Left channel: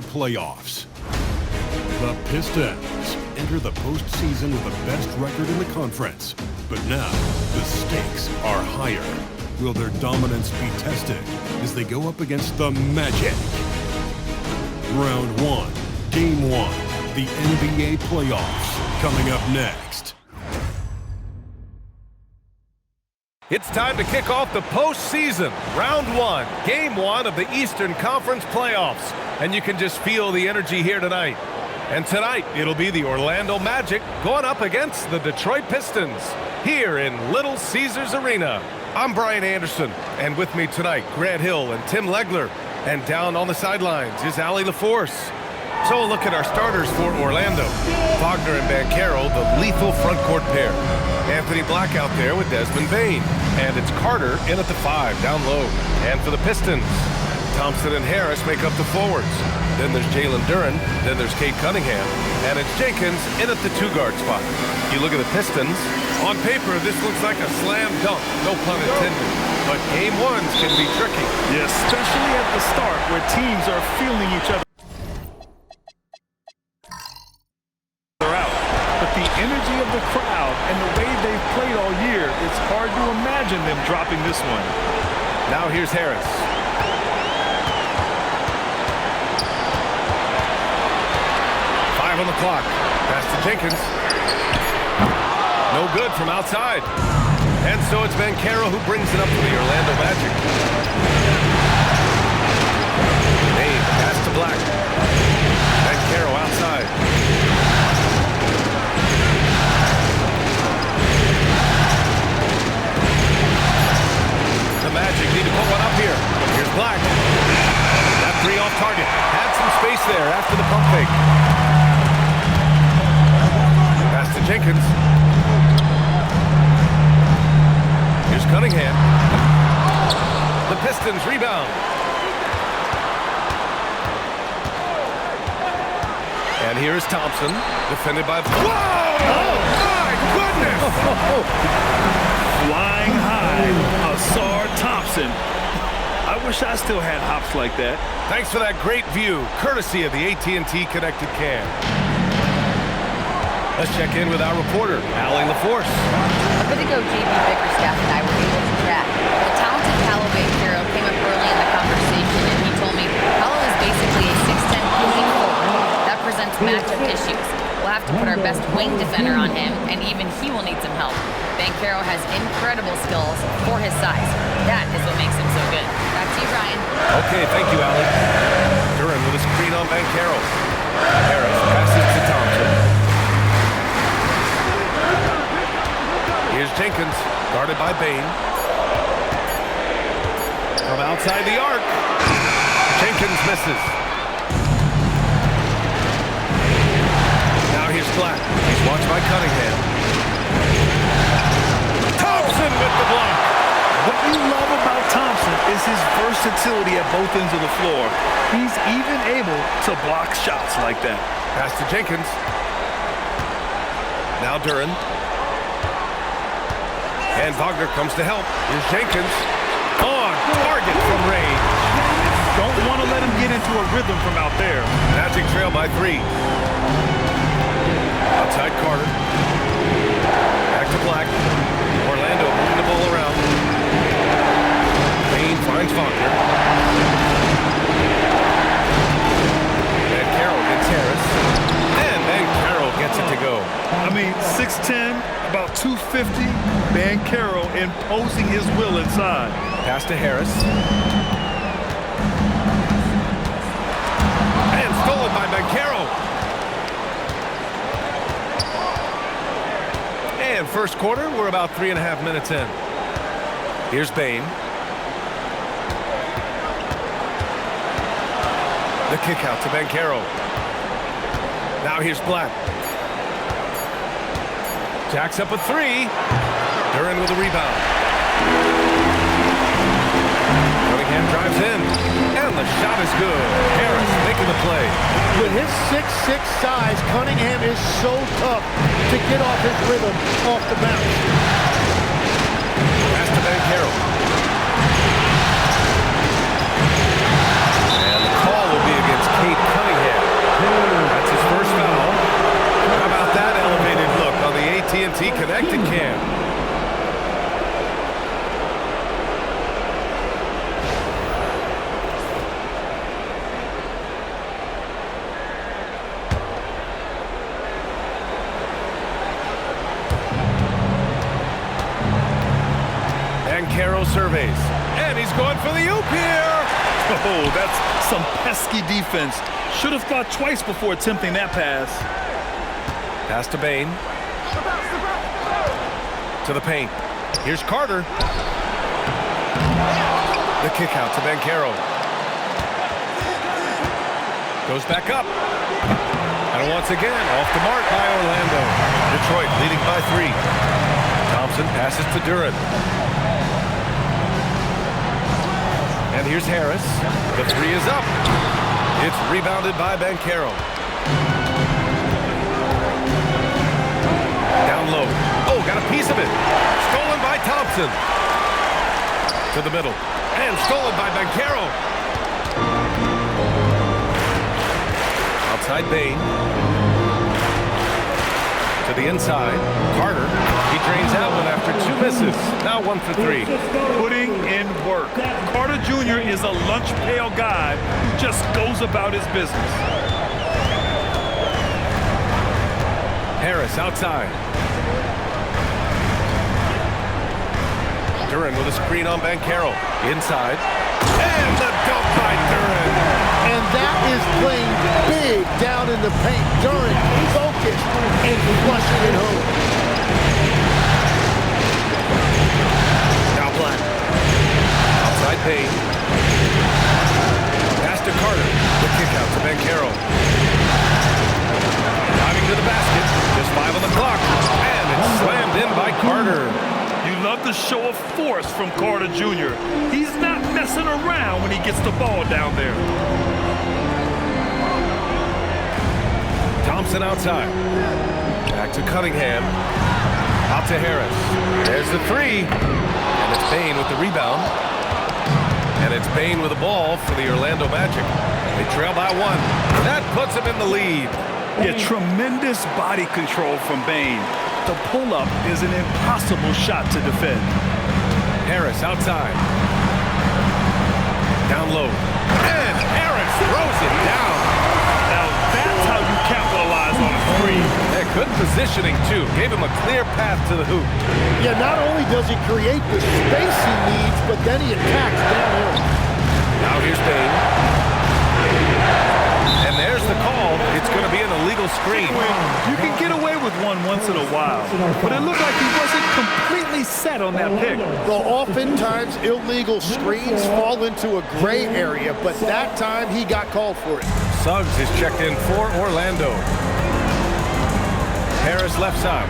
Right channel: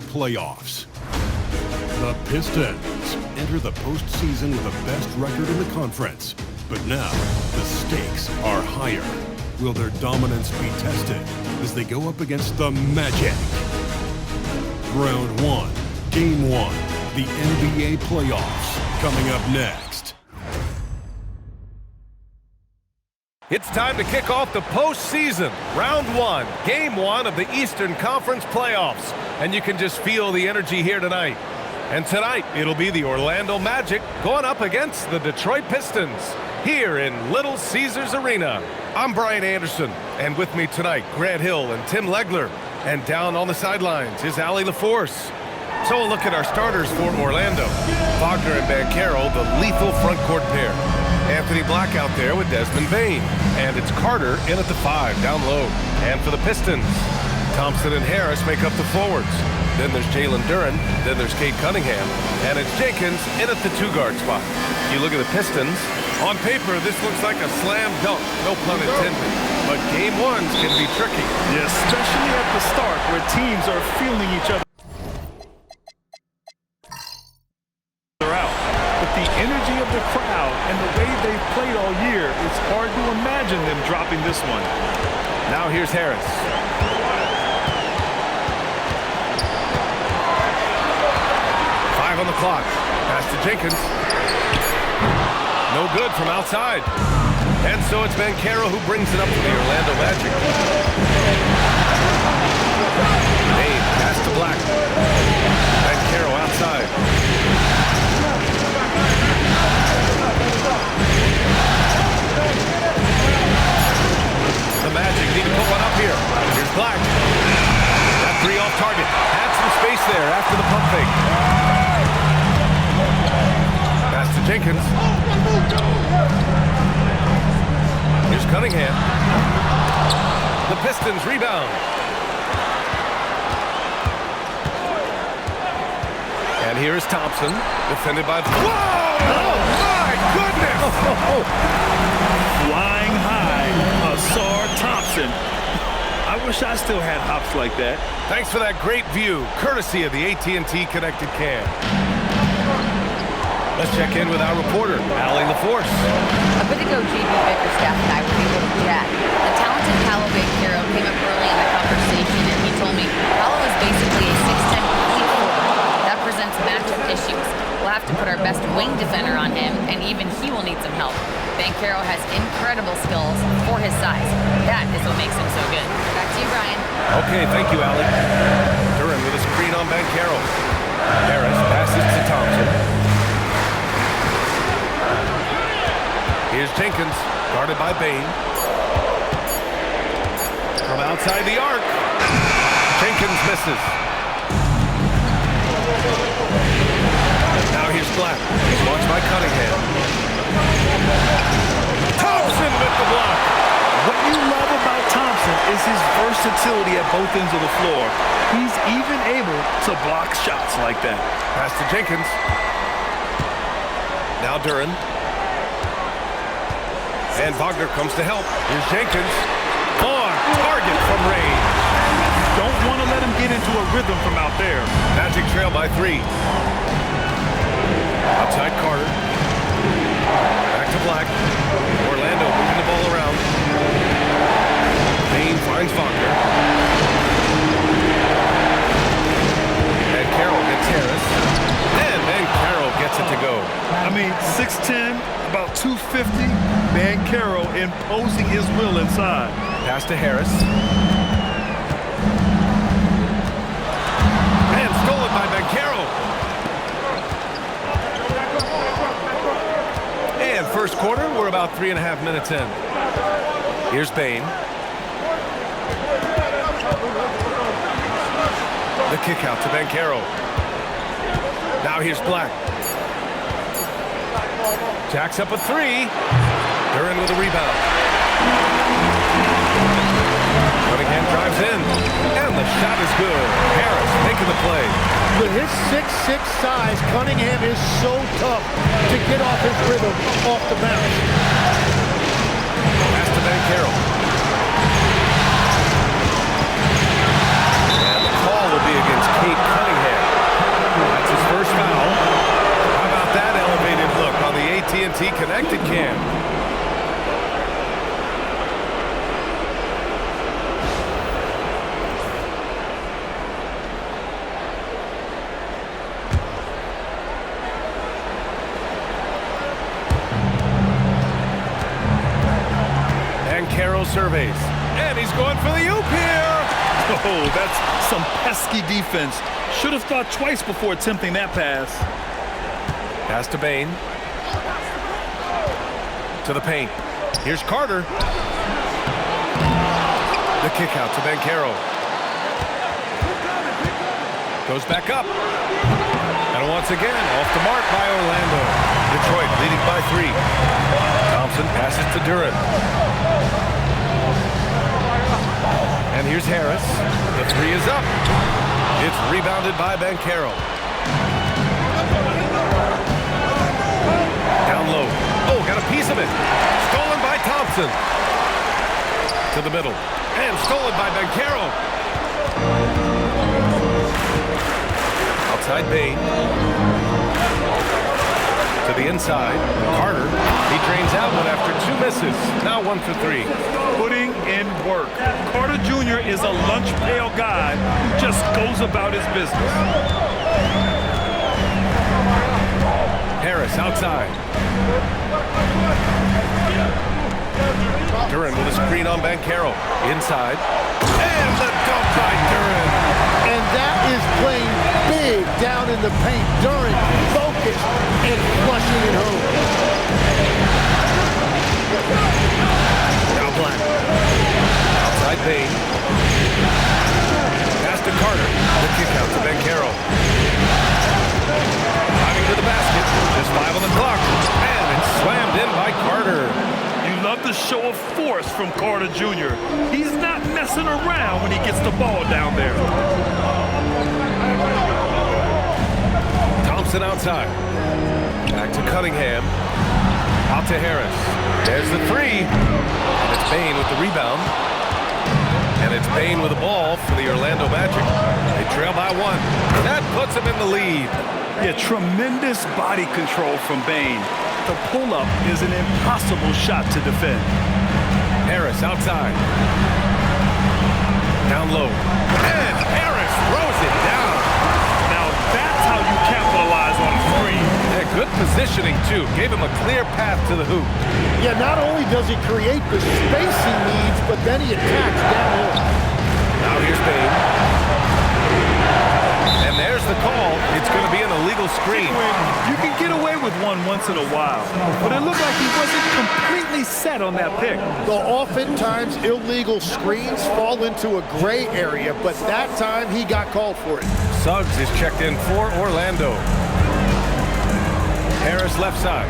NBA playoffs. The Pistons enter the postseason with the best record in the conference. But now, the stakes are higher. Will their dominance be tested as they go up against the Magic? Round 1, Game 1, the NBA playoffs, coming up next. It's time to kick off the postseason. Round 1, Game 1 of the Eastern Conference playoffs. And you can just feel the energy here tonight. And tonight, it'll be the Orlando Magic going up against the Detroit Pistons here in Little Caesars Arena. I'm Brian Anderson, and with me tonight, Grant Hill and Tim Legler. And down on the sidelines is Allie LaForce. So a look at our starters for Orlando. Wagner and Banchero, the lethal front court pair. Anthony Black out there with Desmond Bane. And it's Carter in at the 5, down low. And for the Pistons, Thompson and Harris make up the forwards. Then there's Jalen Duren. Then there's Cade Cunningham. And it's Jenkins in at the 2-guard spot. You look at the Pistons. On paper, this looks like a slam dunk. No pun intended. But Game 1s can be tricky. Yeah, especially at the start where teams are feeling each other out. But the energy of the crowd and the way they've played all year, it's hard to imagine them dropping this one. Now here's Harris. Five on the clock. Pass to Jenkins. No good from outside. And so it's Banchero who brings it up for the Orlando Magic. Bane, pass to Black. Banchero outside. The Magic need to put one up here. Here's Black. That 3 off target. Had some space there after the pump fake. Pass to Jenkins. Here's Cunningham. The Pistons rebound. And here is Thompson, defended by... Whoa! Oh, my goodness! Flying high, Asar Thompson. I wish I still had hops like that. Thanks for that great view, courtesy of the AT&T Connected Cam. Let's check in with our reporter, Allie LaForce. A bit ago, JB Bickerstaff and I were able to chat. The talented Paolo Banchero came up early in the conversation, and he told me Paolo is basically a 6'10" point forward. That presents matchup issues. We'll have to put our best wing defender on him, and even he will need some help. Banchero has incredible skills for his size. That is what makes him so good. Back to you, Brian. Okay, thank you, Allie. Duren with a screen on Banchero. Harris passes to Thompson. Here's Jenkins, guarded by Bane. From outside the arc. Jenkins misses. Now here's Black. He's watched by Cunningham. Thompson with the block. What you love about Thompson is his versatility at both ends of the floor. He's even able to block shots like that. Pass to Jenkins. Now Duren. And Wagner comes to help. Here's Jenkins. On target from range. Don't want to let him get into a rhythm from out there. Magic trail by 3. Outside Carter. Back to Black. Orlando moving the ball around. Bane finds Wagner. Banchero gets Harris. And Banchero gets it to go. I mean, 6'10", about 250. Banchero imposing his will inside. Pass to Harris. And stolen by Banchero. And first quarter, we're about 3.5 minutes in. Here's Bane. The kick out to Banchero. Now here's Black. Jacks up a 3. Duren with a rebound. Cunningham drives in. And the shot is good. Harris making the play. With his 6'6" size, Cunningham is so tough to get off his rhythm off the bounce. Pass to Banchero. And the call will be against Cade Cunningham. AT&T Connected Cam. And Carroll surveys. And he's going for the oop here. Oh, that's some pesky defense. Should have thought twice before attempting that pass. Pass to Bain. To the paint. Here's Carter. The kick out to Banchero. Goes back up. And once again, off the mark by Orlando. Detroit leading by 3. Thompson passes to Duran. And here's Harris. The 3 is up. It's rebounded by Banchero. Down low. Oh, got a piece of it. Stolen by Thompson. To the middle. And stolen by Banchero. Outside Bain. To the inside. Carter. He drains out one after 2 misses. Now 1 for 3. Putting in work. Carter Jr. is a lunch pail guy who just goes about his business. Harris outside. Duran with a screen on Banchero. Inside. And the dunk by Duran. And that is playing big down in the paint. Duran focused and flushing it home. Now Black. Outside Bain. Pass to Carter. The kick out to Banchero. Driving to the basket. Just 5 on the clock. And it's slammed in by Carter. You love the show of force from Carter Jr. He's not messing around when he gets the ball down there. Thompson outside. Back to Cunningham. Out to Harris. There's the 3. And it's Bain with the rebound. And it's Bain with the ball for the Orlando Magic. They trail by 1. That puts them in the lead. Yeah, tremendous body control from Bain. The pull-up is an impossible shot to defend. Harris outside. Down low. And Harris throws it down. Now that's how you capitalize on a screen. Yeah, good positioning, too. Gave him a clear path to the hoop. Yeah, not only does he create the space he needs, but then he attacks downhill. Now here's Bain. And there's the call. It's going to be an illegal screen. You can get away with one once in a while, but it looked like he wasn't completely set on that pick. Though oftentimes illegal screens fall into a gray area, but that time he got called for it. Suggs is checked in for Orlando. Harris left side.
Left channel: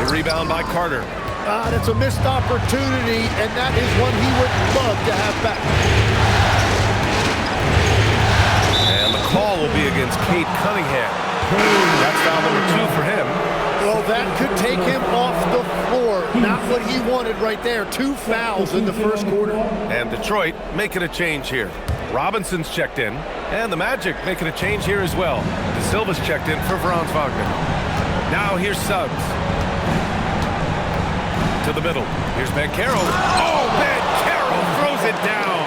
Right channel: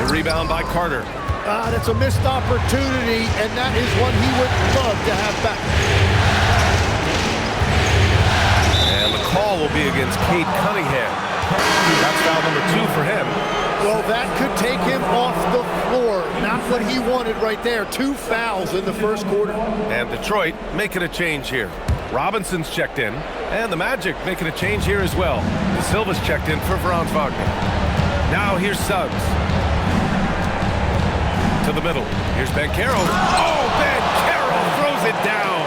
The rebound by Carter. That's a missed opportunity, and that is one he would love to have back. And the call will be against Cade Cunningham. That's foul number 2 for him. Well, that could take him off the floor. Not what he wanted right there. 2 fouls in the first quarter. And Detroit making a change here. Robinson's checked in. And the Magic making a change here as well. De Silva's checked in for Franz Wagner. Now here's Suggs. To the middle. Here's Banchero. Oh, Banchero throws it down.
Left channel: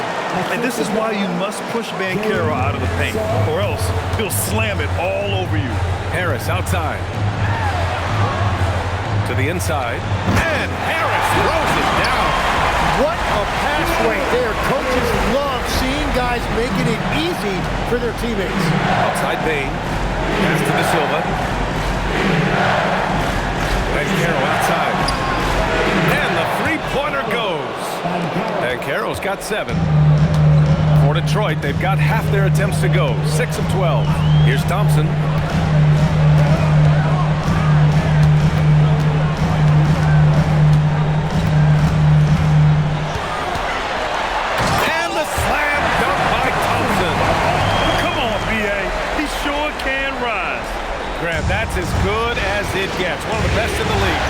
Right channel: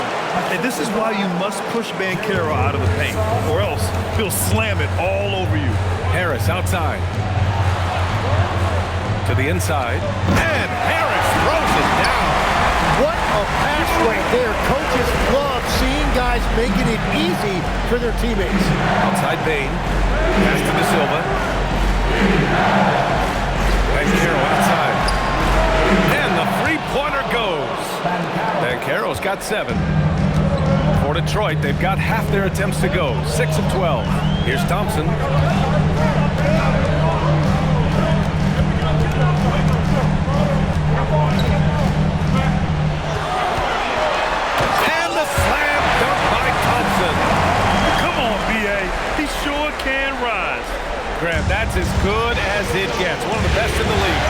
And this is why you must push Banchero out of the paint, or else he'll slam it all over you. Harris outside. To the inside. And Harris throws it down. What a pass right there. Coaches love seeing guys making it easy for their teammates. Outside Bain. Pass to De Silva. Banchero outside. And the 3-pointer goes. Banchero's got 7. For Detroit, they've got half their attempts to go. 6 of 12. Here's Thompson. And the slam dunk by Thompson. Come on, B.A. He sure can rise. Grant, that's as good as it gets. One of the best in the league.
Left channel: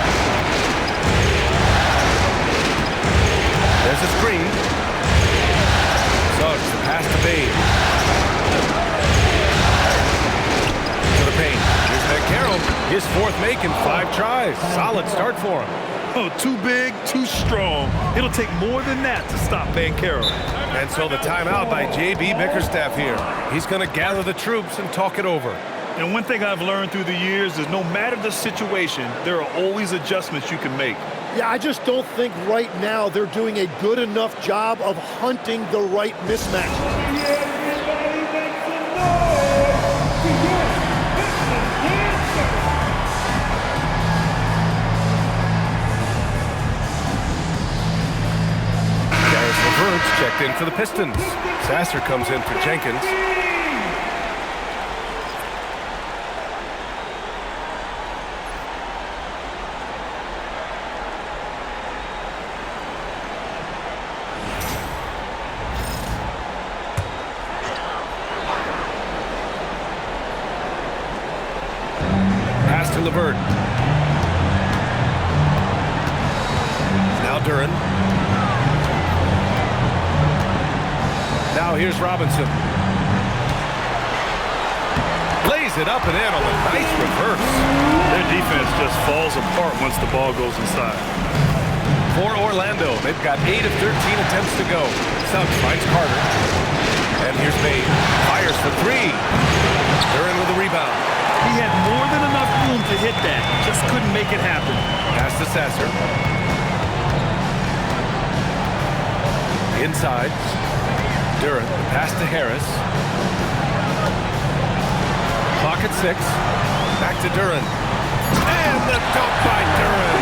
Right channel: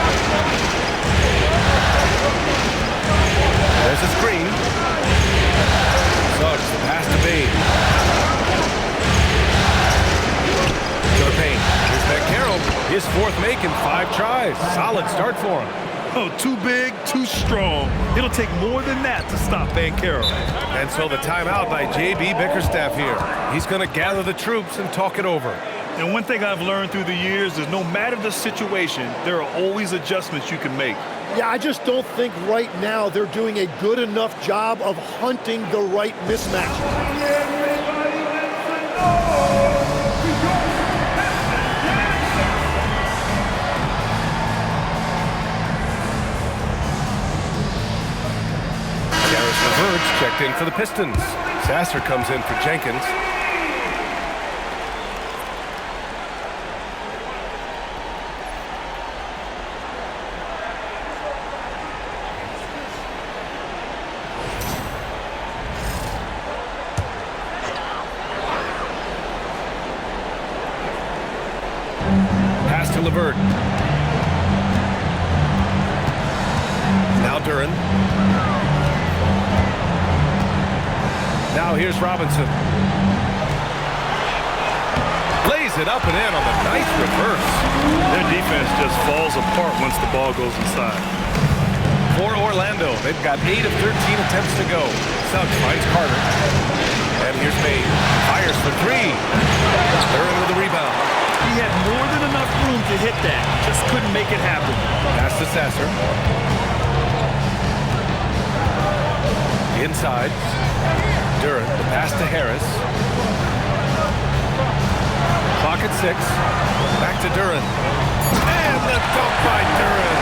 There's a screen. Suggs, the pass to Bain. To to paint. Here's Banchero. His fourth make in 5 tries. Solid start for him. Oh, too big, too strong. It'll take more than that to stop Banchero. And so the timeout by J.B. Bickerstaff here. He's going to gather the troops and talk it over. And one thing I've learned through the years is no matter the situation, there are always adjustments you can make. Yeah, I just don't think right now they're doing a good enough job of hunting the right mismatch. Garris LeVert's checked in for the Pistons. Sasser comes in for Jenkins. Pass to LeVert. Now Duren. Now here's Robinson. Lays it up and in on the nice reverse. Their defense just falls apart once the ball goes inside. For Orlando, they've got 8 of 13 attempts to go. Suggs finds Carter. And here's Bain. Fires for 3. Duren with the rebound. He had more than enough room to hit that. Just couldn't make it happen. Pass to Sasser. Inside. Duren, the pass to Harris. Clock at 6. Back to Duren. And the dunk by Duren.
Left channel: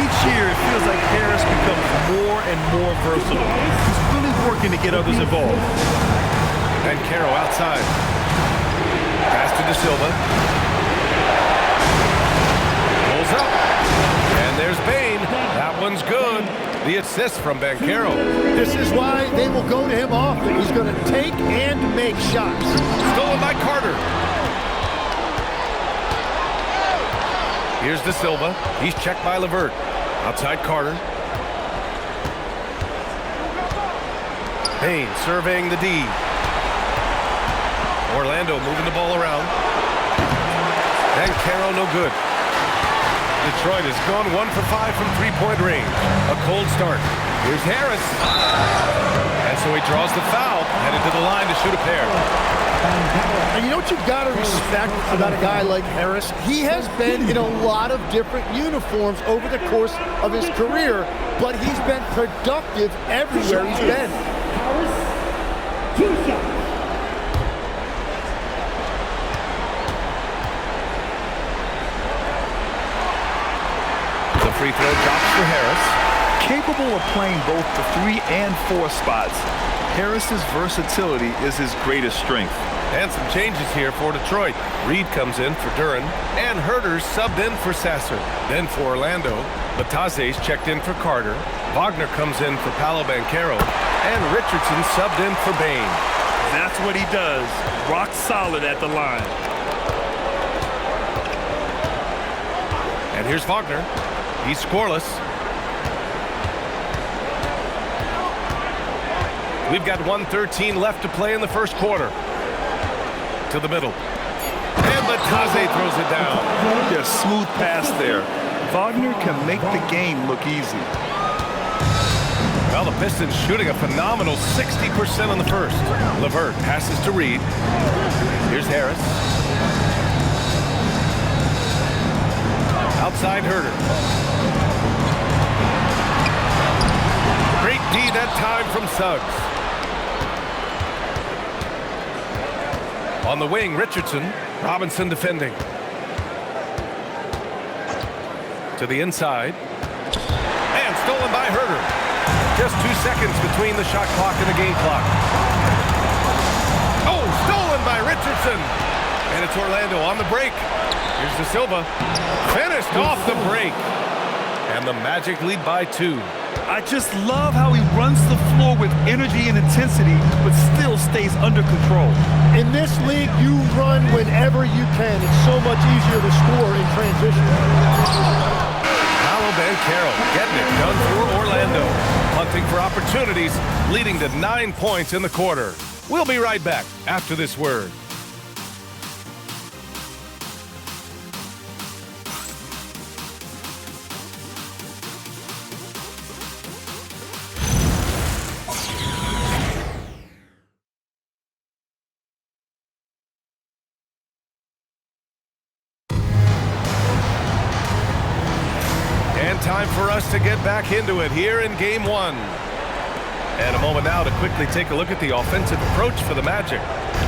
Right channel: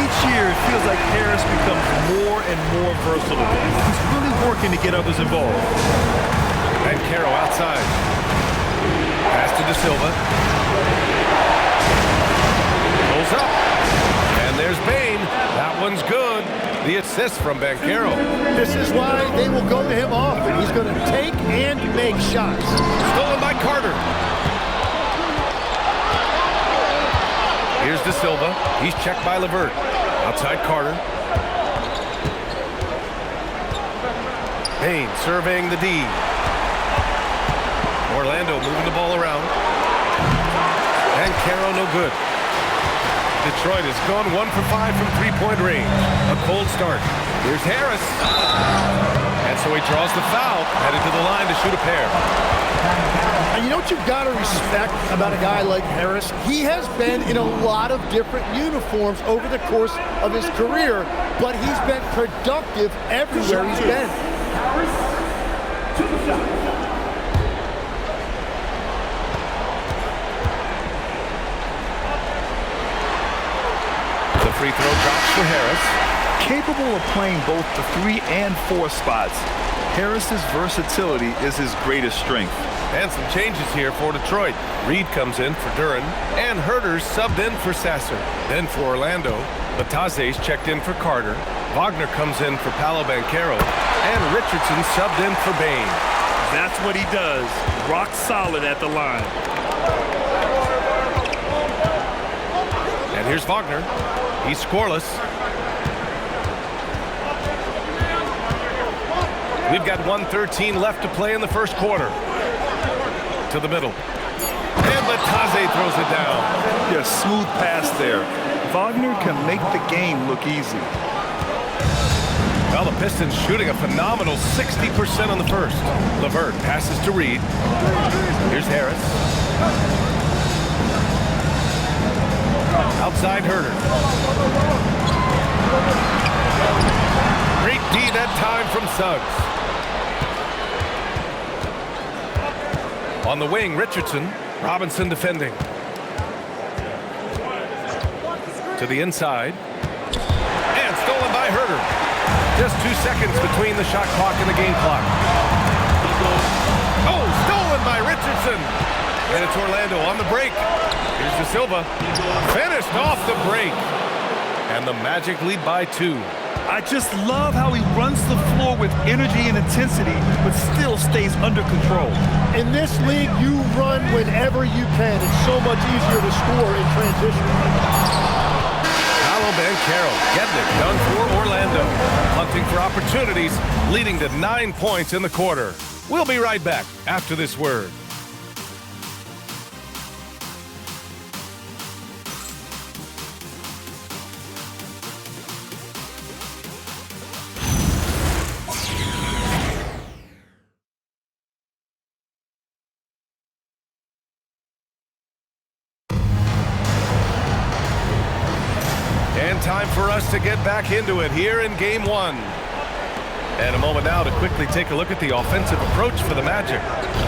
Each year, it feels like Harris becomes more and more versatile. He's really working to get others involved. Banchero outside. Pass to De Silva. Pulls up. And there's Bain. That one's good. The assist from Banchero. This is why they will go to him often. He's going to take and make shots. Stolen by Carter. Here's De Silva. He's checked by LeVert. Outside Carter. Bain surveying the D. Orlando moving the ball around. Banchero no good. Detroit has gone 1 for 5 from three-point range. A cold start. Here's Harris. And so he draws the foul, headed to the line to shoot a pair. And you know what you've got to respect about a guy like Harris? He has been in a lot of different uniforms over the course of his career, but he's been productive everywhere he's been. Harris, 2 shots. The free throw drops for Harris. Capable of playing both the 3 and 4 spots, Harris's versatility is his greatest strength. And some changes here for Detroit. Reed comes in for Duren, and Herter's subbed in for Sasser. Then for Orlando, Bataze's checked in for Carter. Wagner comes in for Paolo Banchero, and Richardson subbed in for Bain. That's what he does. Rock solid at the line. And here's Wagner. He's scoreless. We've got 1:13 left to play in the first quarter. To the middle. And Bataze throws it down. Yeah, smooth pass there. Wagner can make the game look easy. Well, the Pistons shooting a phenomenal 60% on the first. LeVert passes to Reed. Here's Harris. Outside Herter. Great D that time from Suggs. On the wing, Richardson. Robinson defending. To the inside. And stolen by Herter. Just 2 seconds between the shot clock and the game clock. Oh, stolen by Richardson. And it's Orlando on the break. Here's De Silva. Finished off the break. And the Magic lead by 2. I just love how he runs the floor with energy and intensity, but still stays under control. In this league, you run whenever you can. It's so much easier to score in transition. Paolo Banchero getting it done for Orlando. Hunting for opportunities, leading to 9 points in the quarter. We'll be right back after this word. time for us to get back into it here in Game 1. And a moment now to quickly take a look at the offensive approach for the Magic.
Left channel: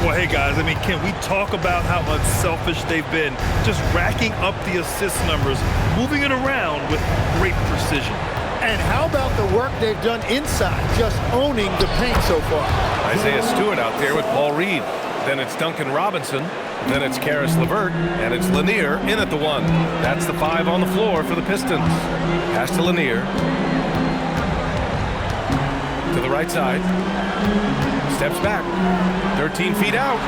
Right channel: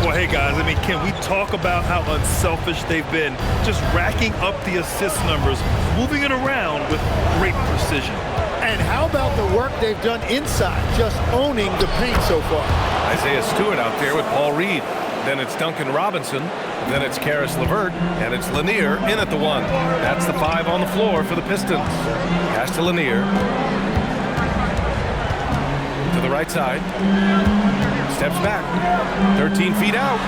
Well, hey, guys, I mean, can we talk about how unselfish they've been? Just racking up the assist numbers, moving it around with great precision. And how about the work they've done inside, just owning the paint so far? Isaiah Stewart out there with Paul Reed. Then it's Duncan Robinson. Then it's Karis LeVert. And it's Lanier in at the 1. That's the 5 on the floor for the Pistons. Pass to Lanier. To the right side. Steps back. 13 feet out.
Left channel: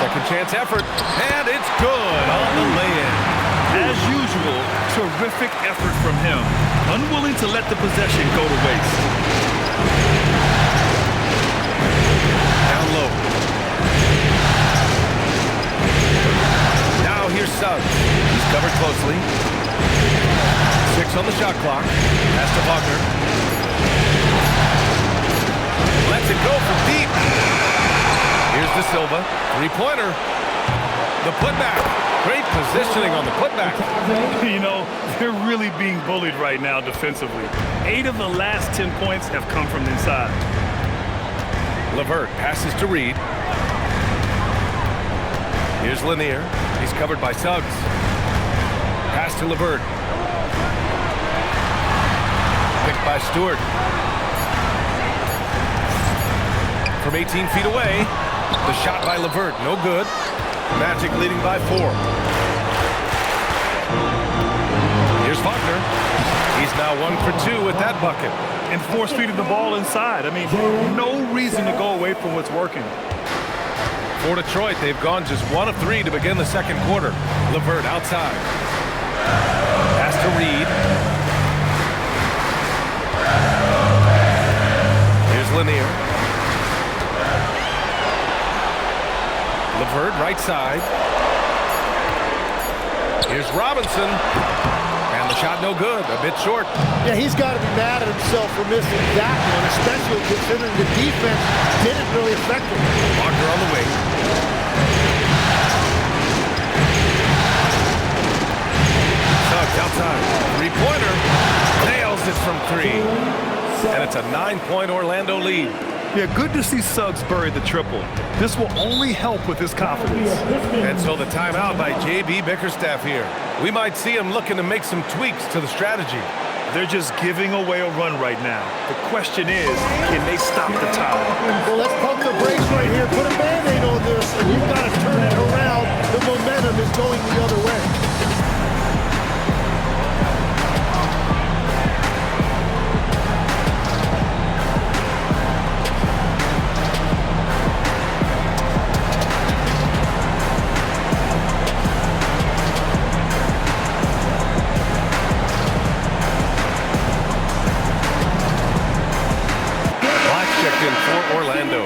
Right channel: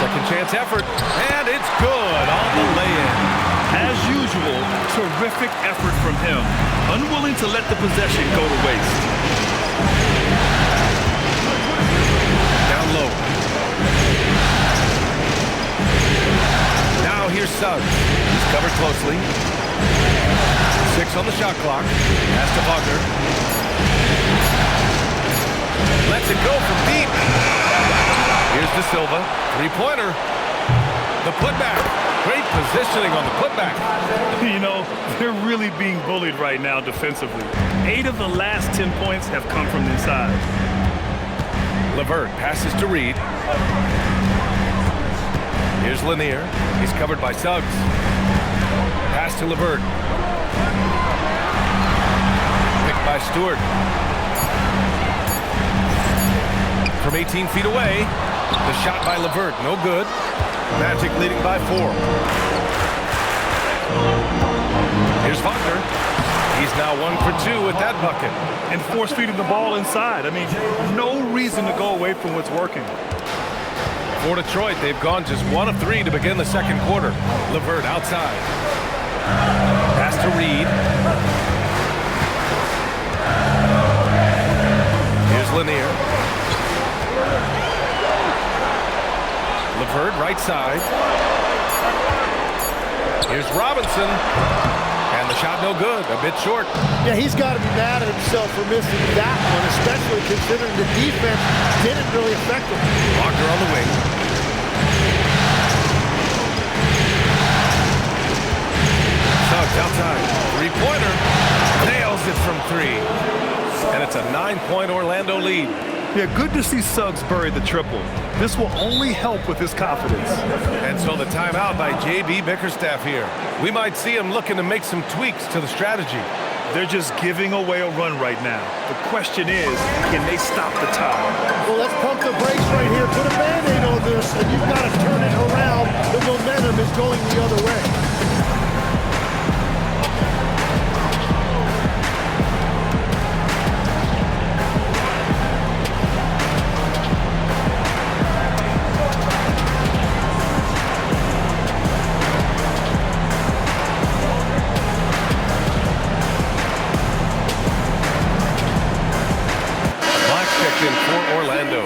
Second chance effort. And it's good on the lay-in. As usual, terrific effort from him. Unwilling to let the possession go to waste. Down low. Now here's Suggs. He's covered closely. 6 on the shot clock. Pass to Wagner. Lets it go from deep. Here's De Silva. Three-pointer. The putback. Great positioning on the putback. You know, they're really being bullied right now defensively. 8 of the last 10 points have come from inside. LeVert passes to Reed. Here's Lanier. He's covered by Suggs. Pass to LeVert. Picked by Stewart. From 18 feet away, the shot by LeVert, no good. Magic leading by 4. Here's Wagner. He's now 1 for 2 with that bucket. And force-feeding the ball inside. I mean, no reason to go away from what's working. For Detroit, they've gone just 1 of 3 to begin the second quarter. LeVert outside. Pass to Reed. Here's Lanier. LeVert right side. Here's Robinson. And the shot no good, a bit short. Yeah, he's got to be mad at himself for missing that one, especially considering the defense didn't really affect him. Wagner on the wing. Suggs outside. Three-pointer. Nails it from 3. And it's a 9-point Orlando lead. Yeah, good to see Suggs bury the triple. This will only help with his confidence. And so the timeout by J.B. Bickerstaff here. We might see him looking to make some tweaks to the strategy. They're just giving away a run right now. The question is, can they stop the tide? Well, let's pump the brakes right here. Put a Band-Aid on this, and you've got to turn it around. The momentum is going the other way. Checked in for Orlando.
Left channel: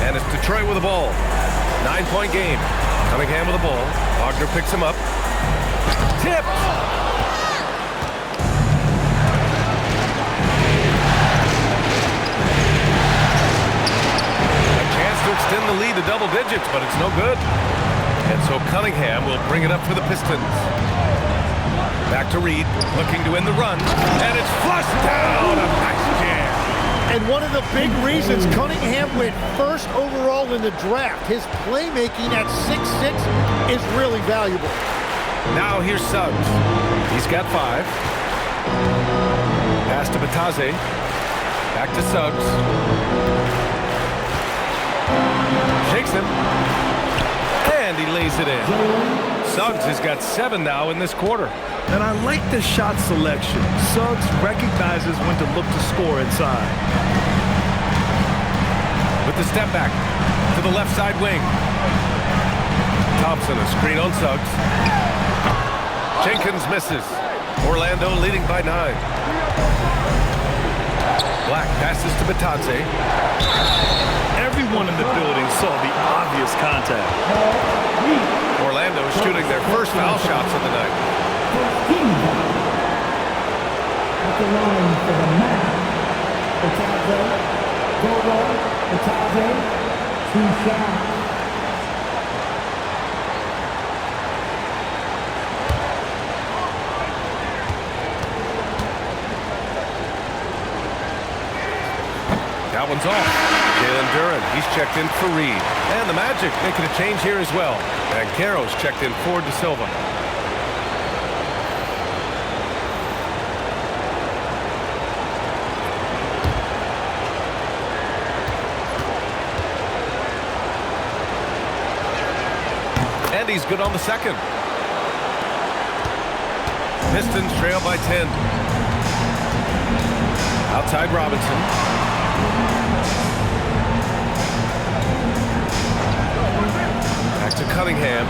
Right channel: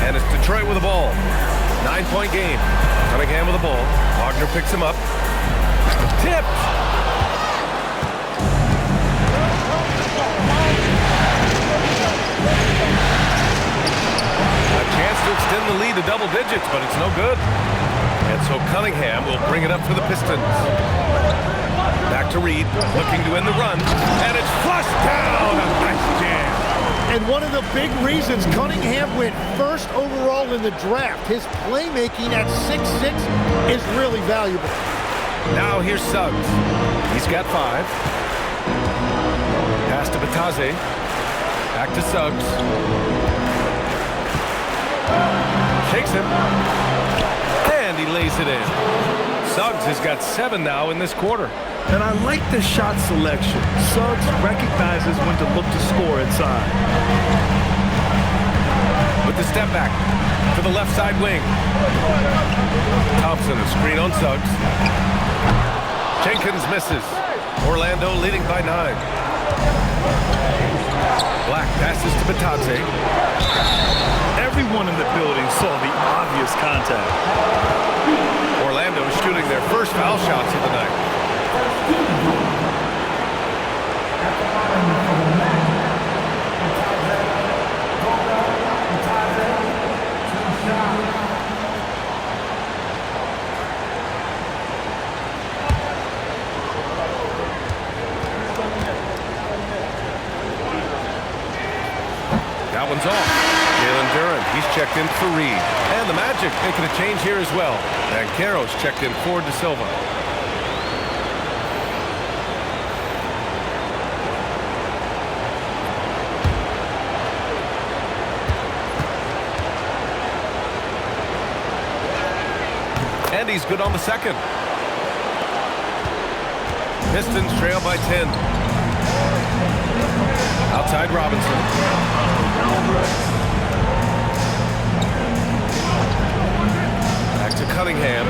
And it's Detroit with the ball. 9-point game. Cunningham with the ball. Wagner picks him up. Tipped. A chance to extend the lead to double digits, but it's no good. And so Cunningham will bring it up for the Pistons. Back to Reed, looking to end the run. And it's flushed down. A nice jam. And one of the big reasons Cunningham went first overall in the draft, his playmaking at 6'6" is really valuable. Now here's Suggs. He's got 5. Pass to Bataze. Back to Suggs. Shakes him. And he lays it in. Suggs has got 7 now in this quarter. And I like the shot selection. Suggs recognizes when to look to score inside. With the step back to the left side wing. Thompson, a screen on Suggs. Jenkins misses. Orlando leading by 9. Black passes to Bataze. Everyone in the building saw the obvious contact. Orlando is shooting their first foul shots of the night. At the line for the match, two shots. That one's off. Jalen Duren, he's checked in for Reed. And the Magic making a change here as well. Banchero's checked in for De Silva. And he's good on the second. Pistons trail by 10. Outside Robinson. Back to Cunningham.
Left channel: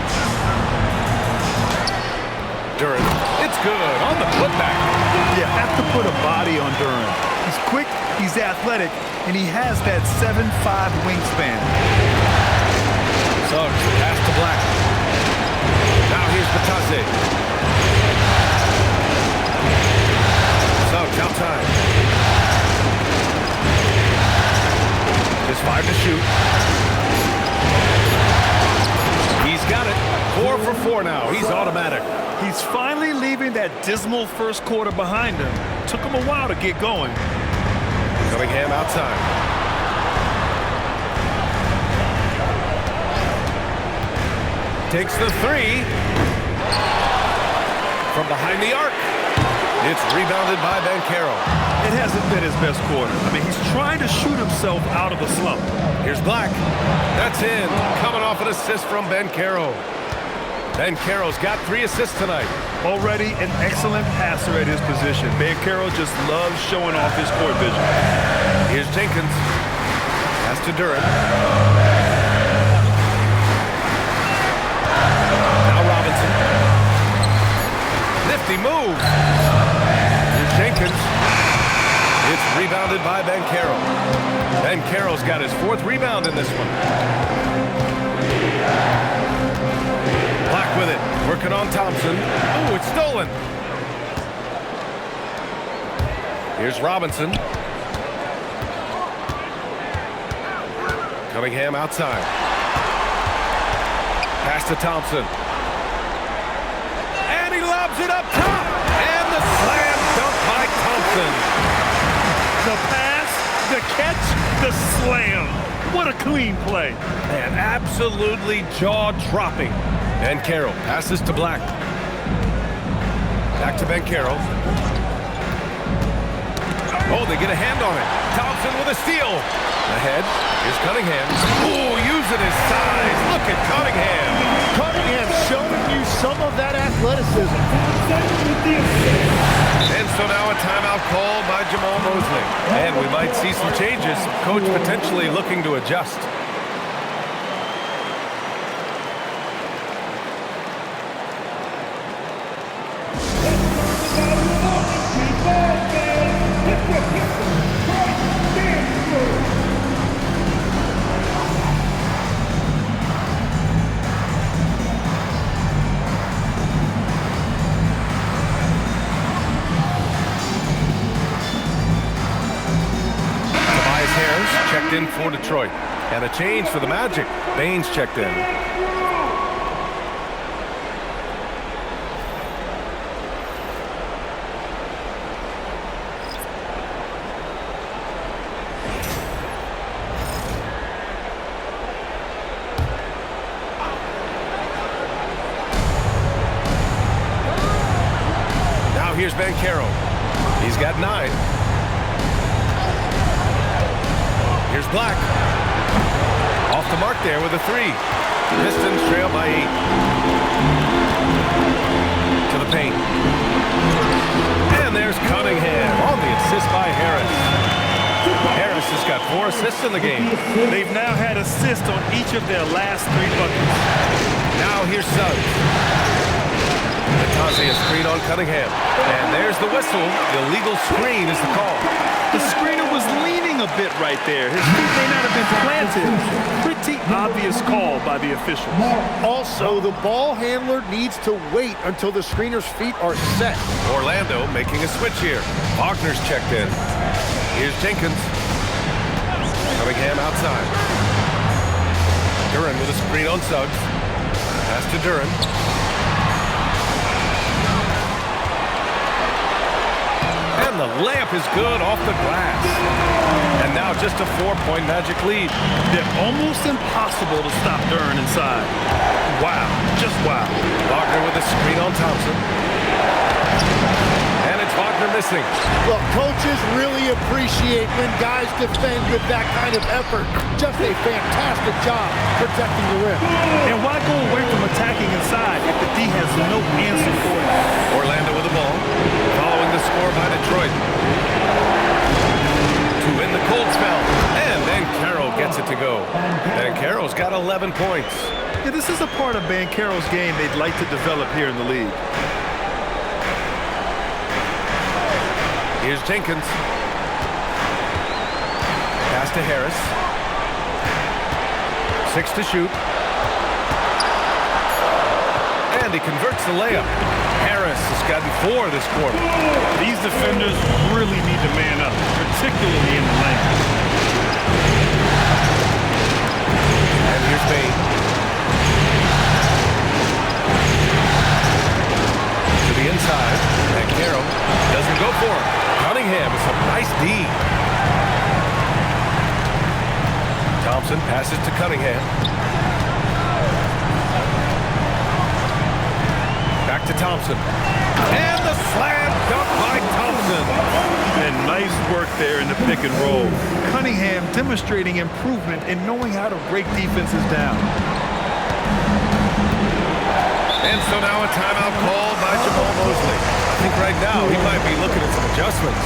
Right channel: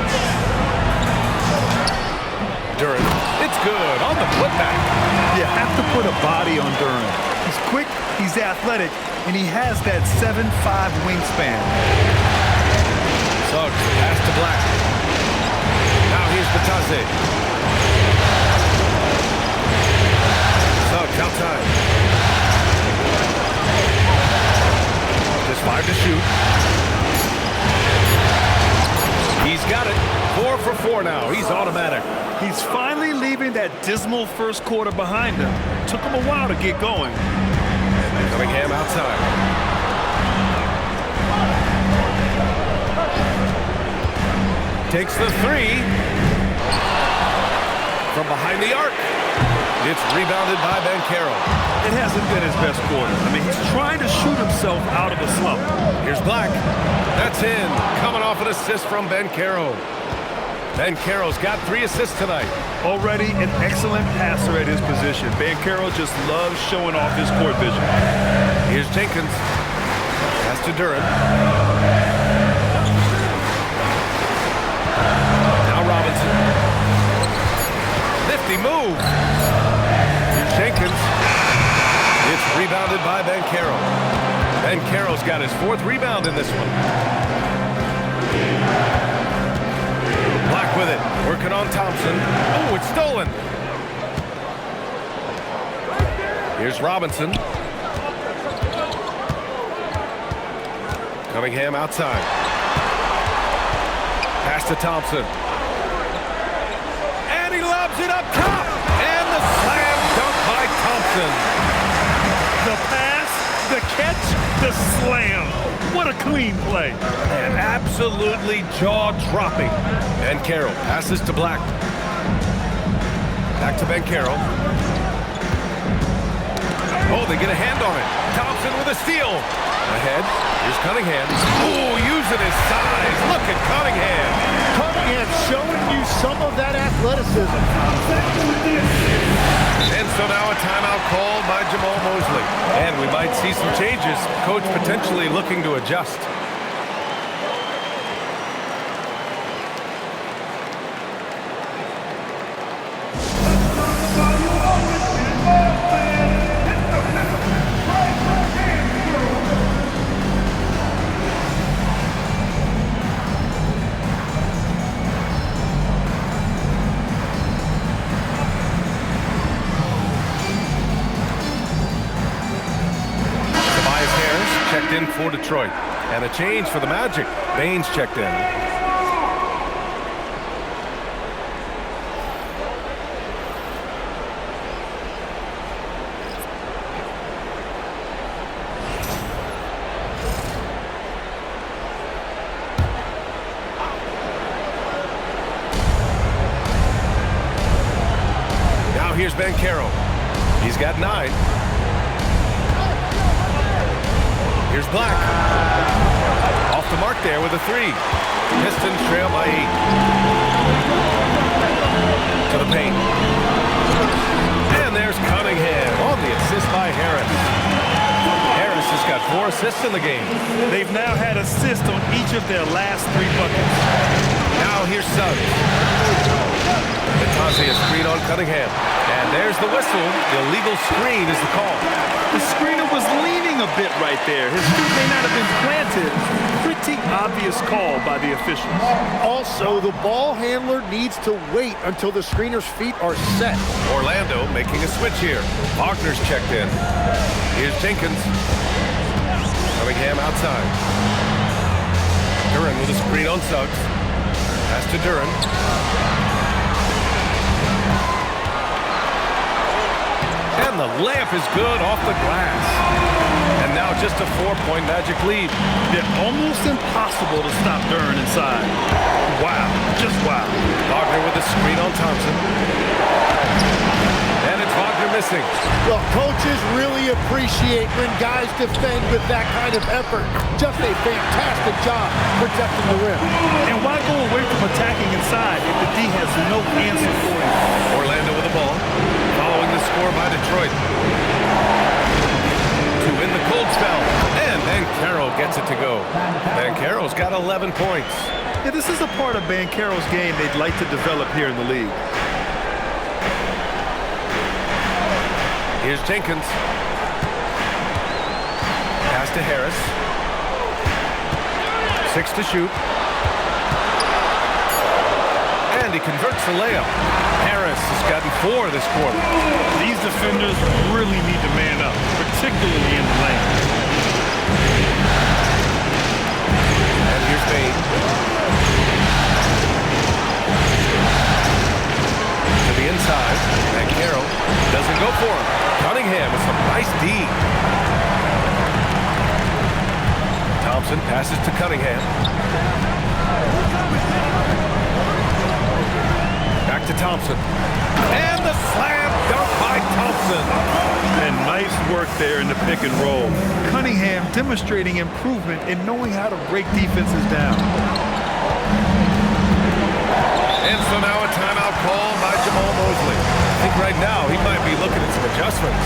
Duren. It's good on the putback. You have to put a body on Duren. He's quick, he's athletic, and he has that 7'5" wingspan. Suggs, the pass to Black. Now here's Batase. Suggs outside. Just 5 to shoot. He's got it. 4 for 4 now. He's automatic. He's finally leaving that dismal first quarter behind him. Took him a while to get going. Cunningham outside. Takes the 3. From behind the arc. It's rebounded by Banchero. It hasn't been his best quarter. I mean, he's trying to shoot himself out of the slump. Here's Black. That's in. Coming off an assist from Banchero. Banchero's got 3 assists tonight. Already an excellent passer at his position. Banchero just loves showing off his court vision. Here's Jenkins. Pass to Duren. Now Robinson. Nifty move. Here's Jenkins. It's rebounded by Banchero. Banchero's got his 4th rebound in this one. Black with it. Working on Thompson. Ooh, it's stolen. Here's Robinson. Cunningham outside. Pass to Thompson. And he lobs it up top. And the slam dunk by Thompson. The pass, the catch, the slam. What a clean play. Man, absolutely jaw-dropping. Banchero passes to Black. Back to Banchero. Oh, they get a hand on it. Thompson with a steal. Ahead. Here's Cunningham. Oh, using his size. Look at Cunningham. Cunningham showing you some of that athleticism. And so now a timeout called by Jamal Mosley. And we might see some changes. Coach potentially looking to adjust. Harris checked in for Detroit. And a change for the Magic. Baines checked in. Now here's Banchero. He's got 9. Here's Black. Off the mark there with a 3. Pistons trail by 8. To the paint. And there's Cunningham on the assist by Harris. Harris has got 4 assists in the game. They've now had assists on each of their last 3 buckets. Now here's Suggs. Batase a screen on Cunningham. And there's the whistle. Illegal screen is the call. The screener was leaning a bit right there. His feet may not have been planted. Pretty obvious call by the officials. Also, the ball handler needs to wait until the screener's feet are set. Orlando making a switch here. Wagner's checked in. Here's Jenkins. Cunningham outside. Duren with a screen on Suggs. Pass to Duren. And the layup is good off the glass. And now just a 4-point Magic lead. They're almost impossible to stop Duren inside. Wow, just wow. Wagner with a screen on Thompson. And it's Wagner missing. Well, coaches really appreciate when guys defend with that kind of effort. Just a fantastic job protecting the rim. And why go away from attacking inside if the D has no answer for him? Orlando with the ball, following the score by Detroit. To win the cold spell, and Banchero gets it to go. Banchero's got 11 points. Yeah, this is a part of Banchero's game they'd like to develop here in the league. Here's Jenkins. Pass to Harris. 6 to shoot. And he converts the layup. Harris has gotten 4 this quarter. These defenders really need to man up, particularly in the lane. And here's Bain. To the inside. Banchero doesn't go for him. Cunningham with some nice D. Thompson passes to Cunningham. Back to Thompson. And the slam dunk by Thompson. And nice work there in the pick and roll. Cunningham demonstrating improvement in knowing how to break defenses down. And so now a timeout called by Jamal Mosley. I think right now he might be looking at some adjustments.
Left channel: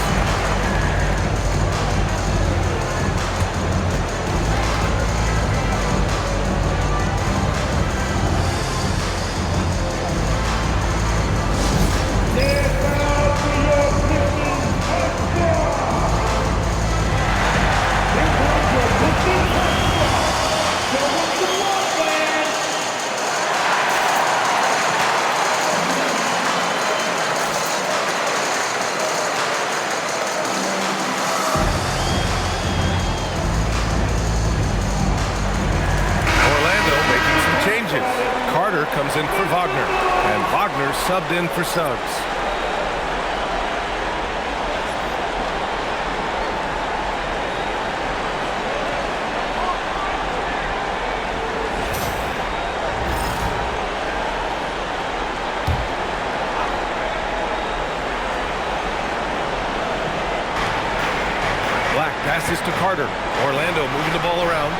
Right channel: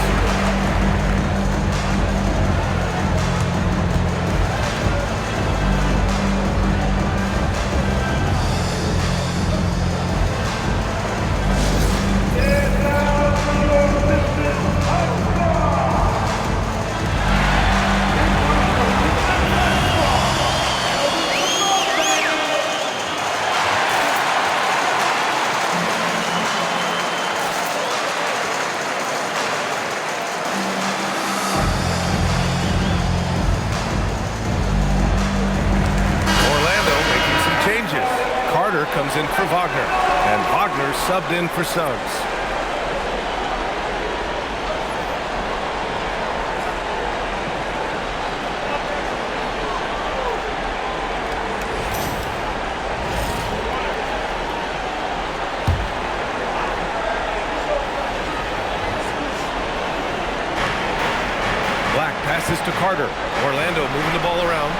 Changes. Carter comes in for Wagner, and Wagner subbed in for Suggs. Black passes to Carter. Orlando moving the ball around.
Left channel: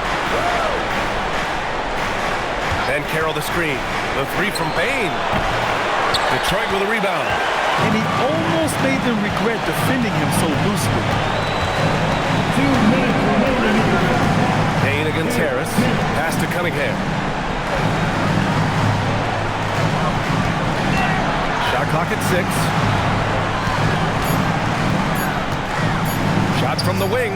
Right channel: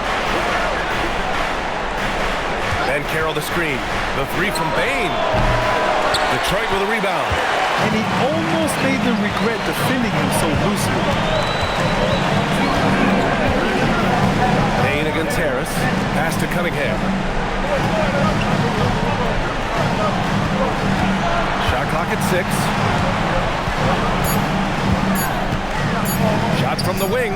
Banchero the screen. The 3 from Bain. Detroit with a rebound. And he almost made them regret defending him so loosely. Bain against Harris. Pass to Cunningham. Shot clock at 6. Shot from the wing.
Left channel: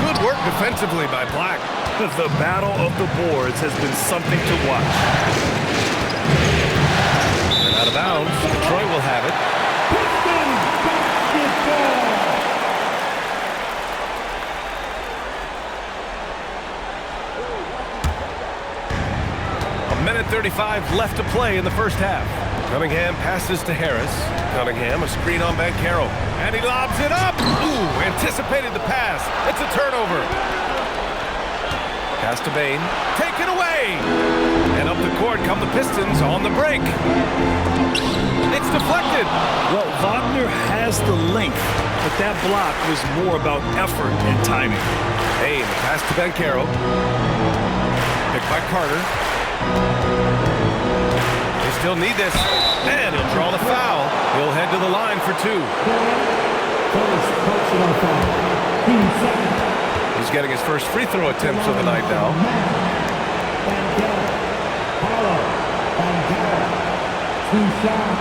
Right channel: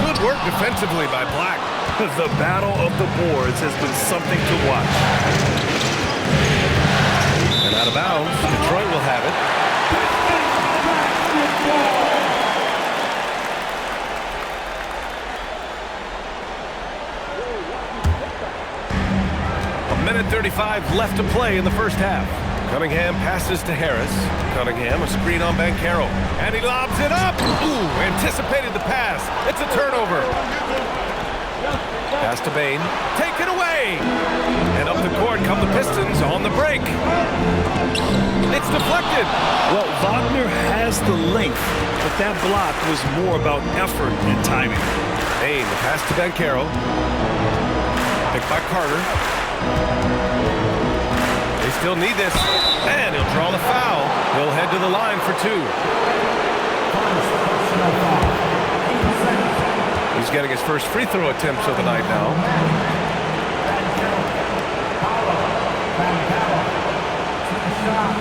Good work defensively by Black. The battle of the boards has been something to watch. And out of bounds, Detroit will have it. A minute 35 left to play in the first half. Cunningham passes to Harris. Cunningham, a screen on Banchero. And he lobs it up. Ooh, anticipated the pass. It's a turnover. Pass to Bain. Take it away. And up the court come the Pistons on the break. It's deflected. Well, Wagner has the length, but that block was more about effort and timing. Bain, the pass to Banchero. Picked by Carter. They still need this. And he'll draw the foul. He'll head to the line for 2. First personal foul. Team second. He's getting his first free throw attempts of the night now. Banchero. 2 shots.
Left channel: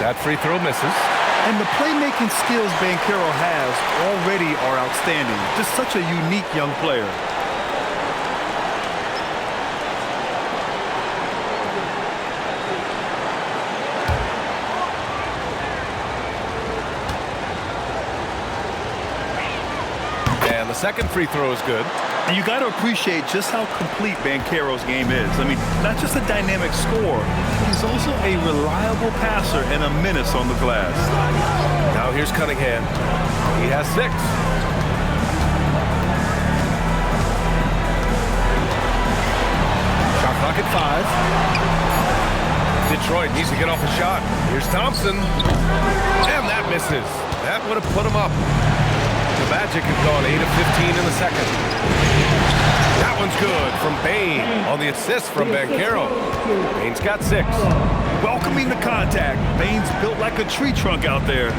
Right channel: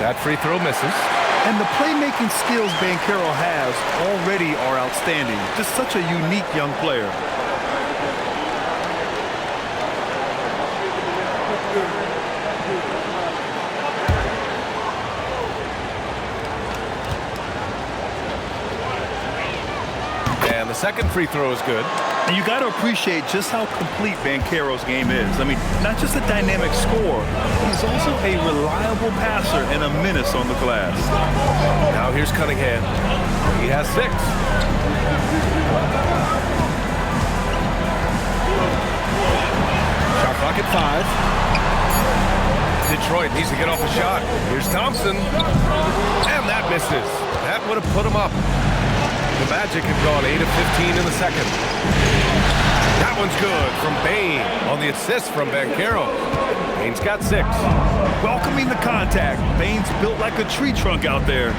That free throw misses. And the playmaking skills Banchero has already are outstanding. Just such a unique young player. And the second free throw is good. And you got to appreciate just how complete Banchero's game is. I mean, not just a dynamic scorer, but he's also a reliable passer and a menace on the glass. Now here's Cunningham. He has 6. Shot clock at 5. Detroit needs to get off a shot. Here's Thompson. And that misses. That would have put him up. The Magic have gone 8 of 15 in the second. That one's good from Bane on the assist from Banchero. Bane's got 6. Welcoming the contact. Bane's built like a tree trunk out there.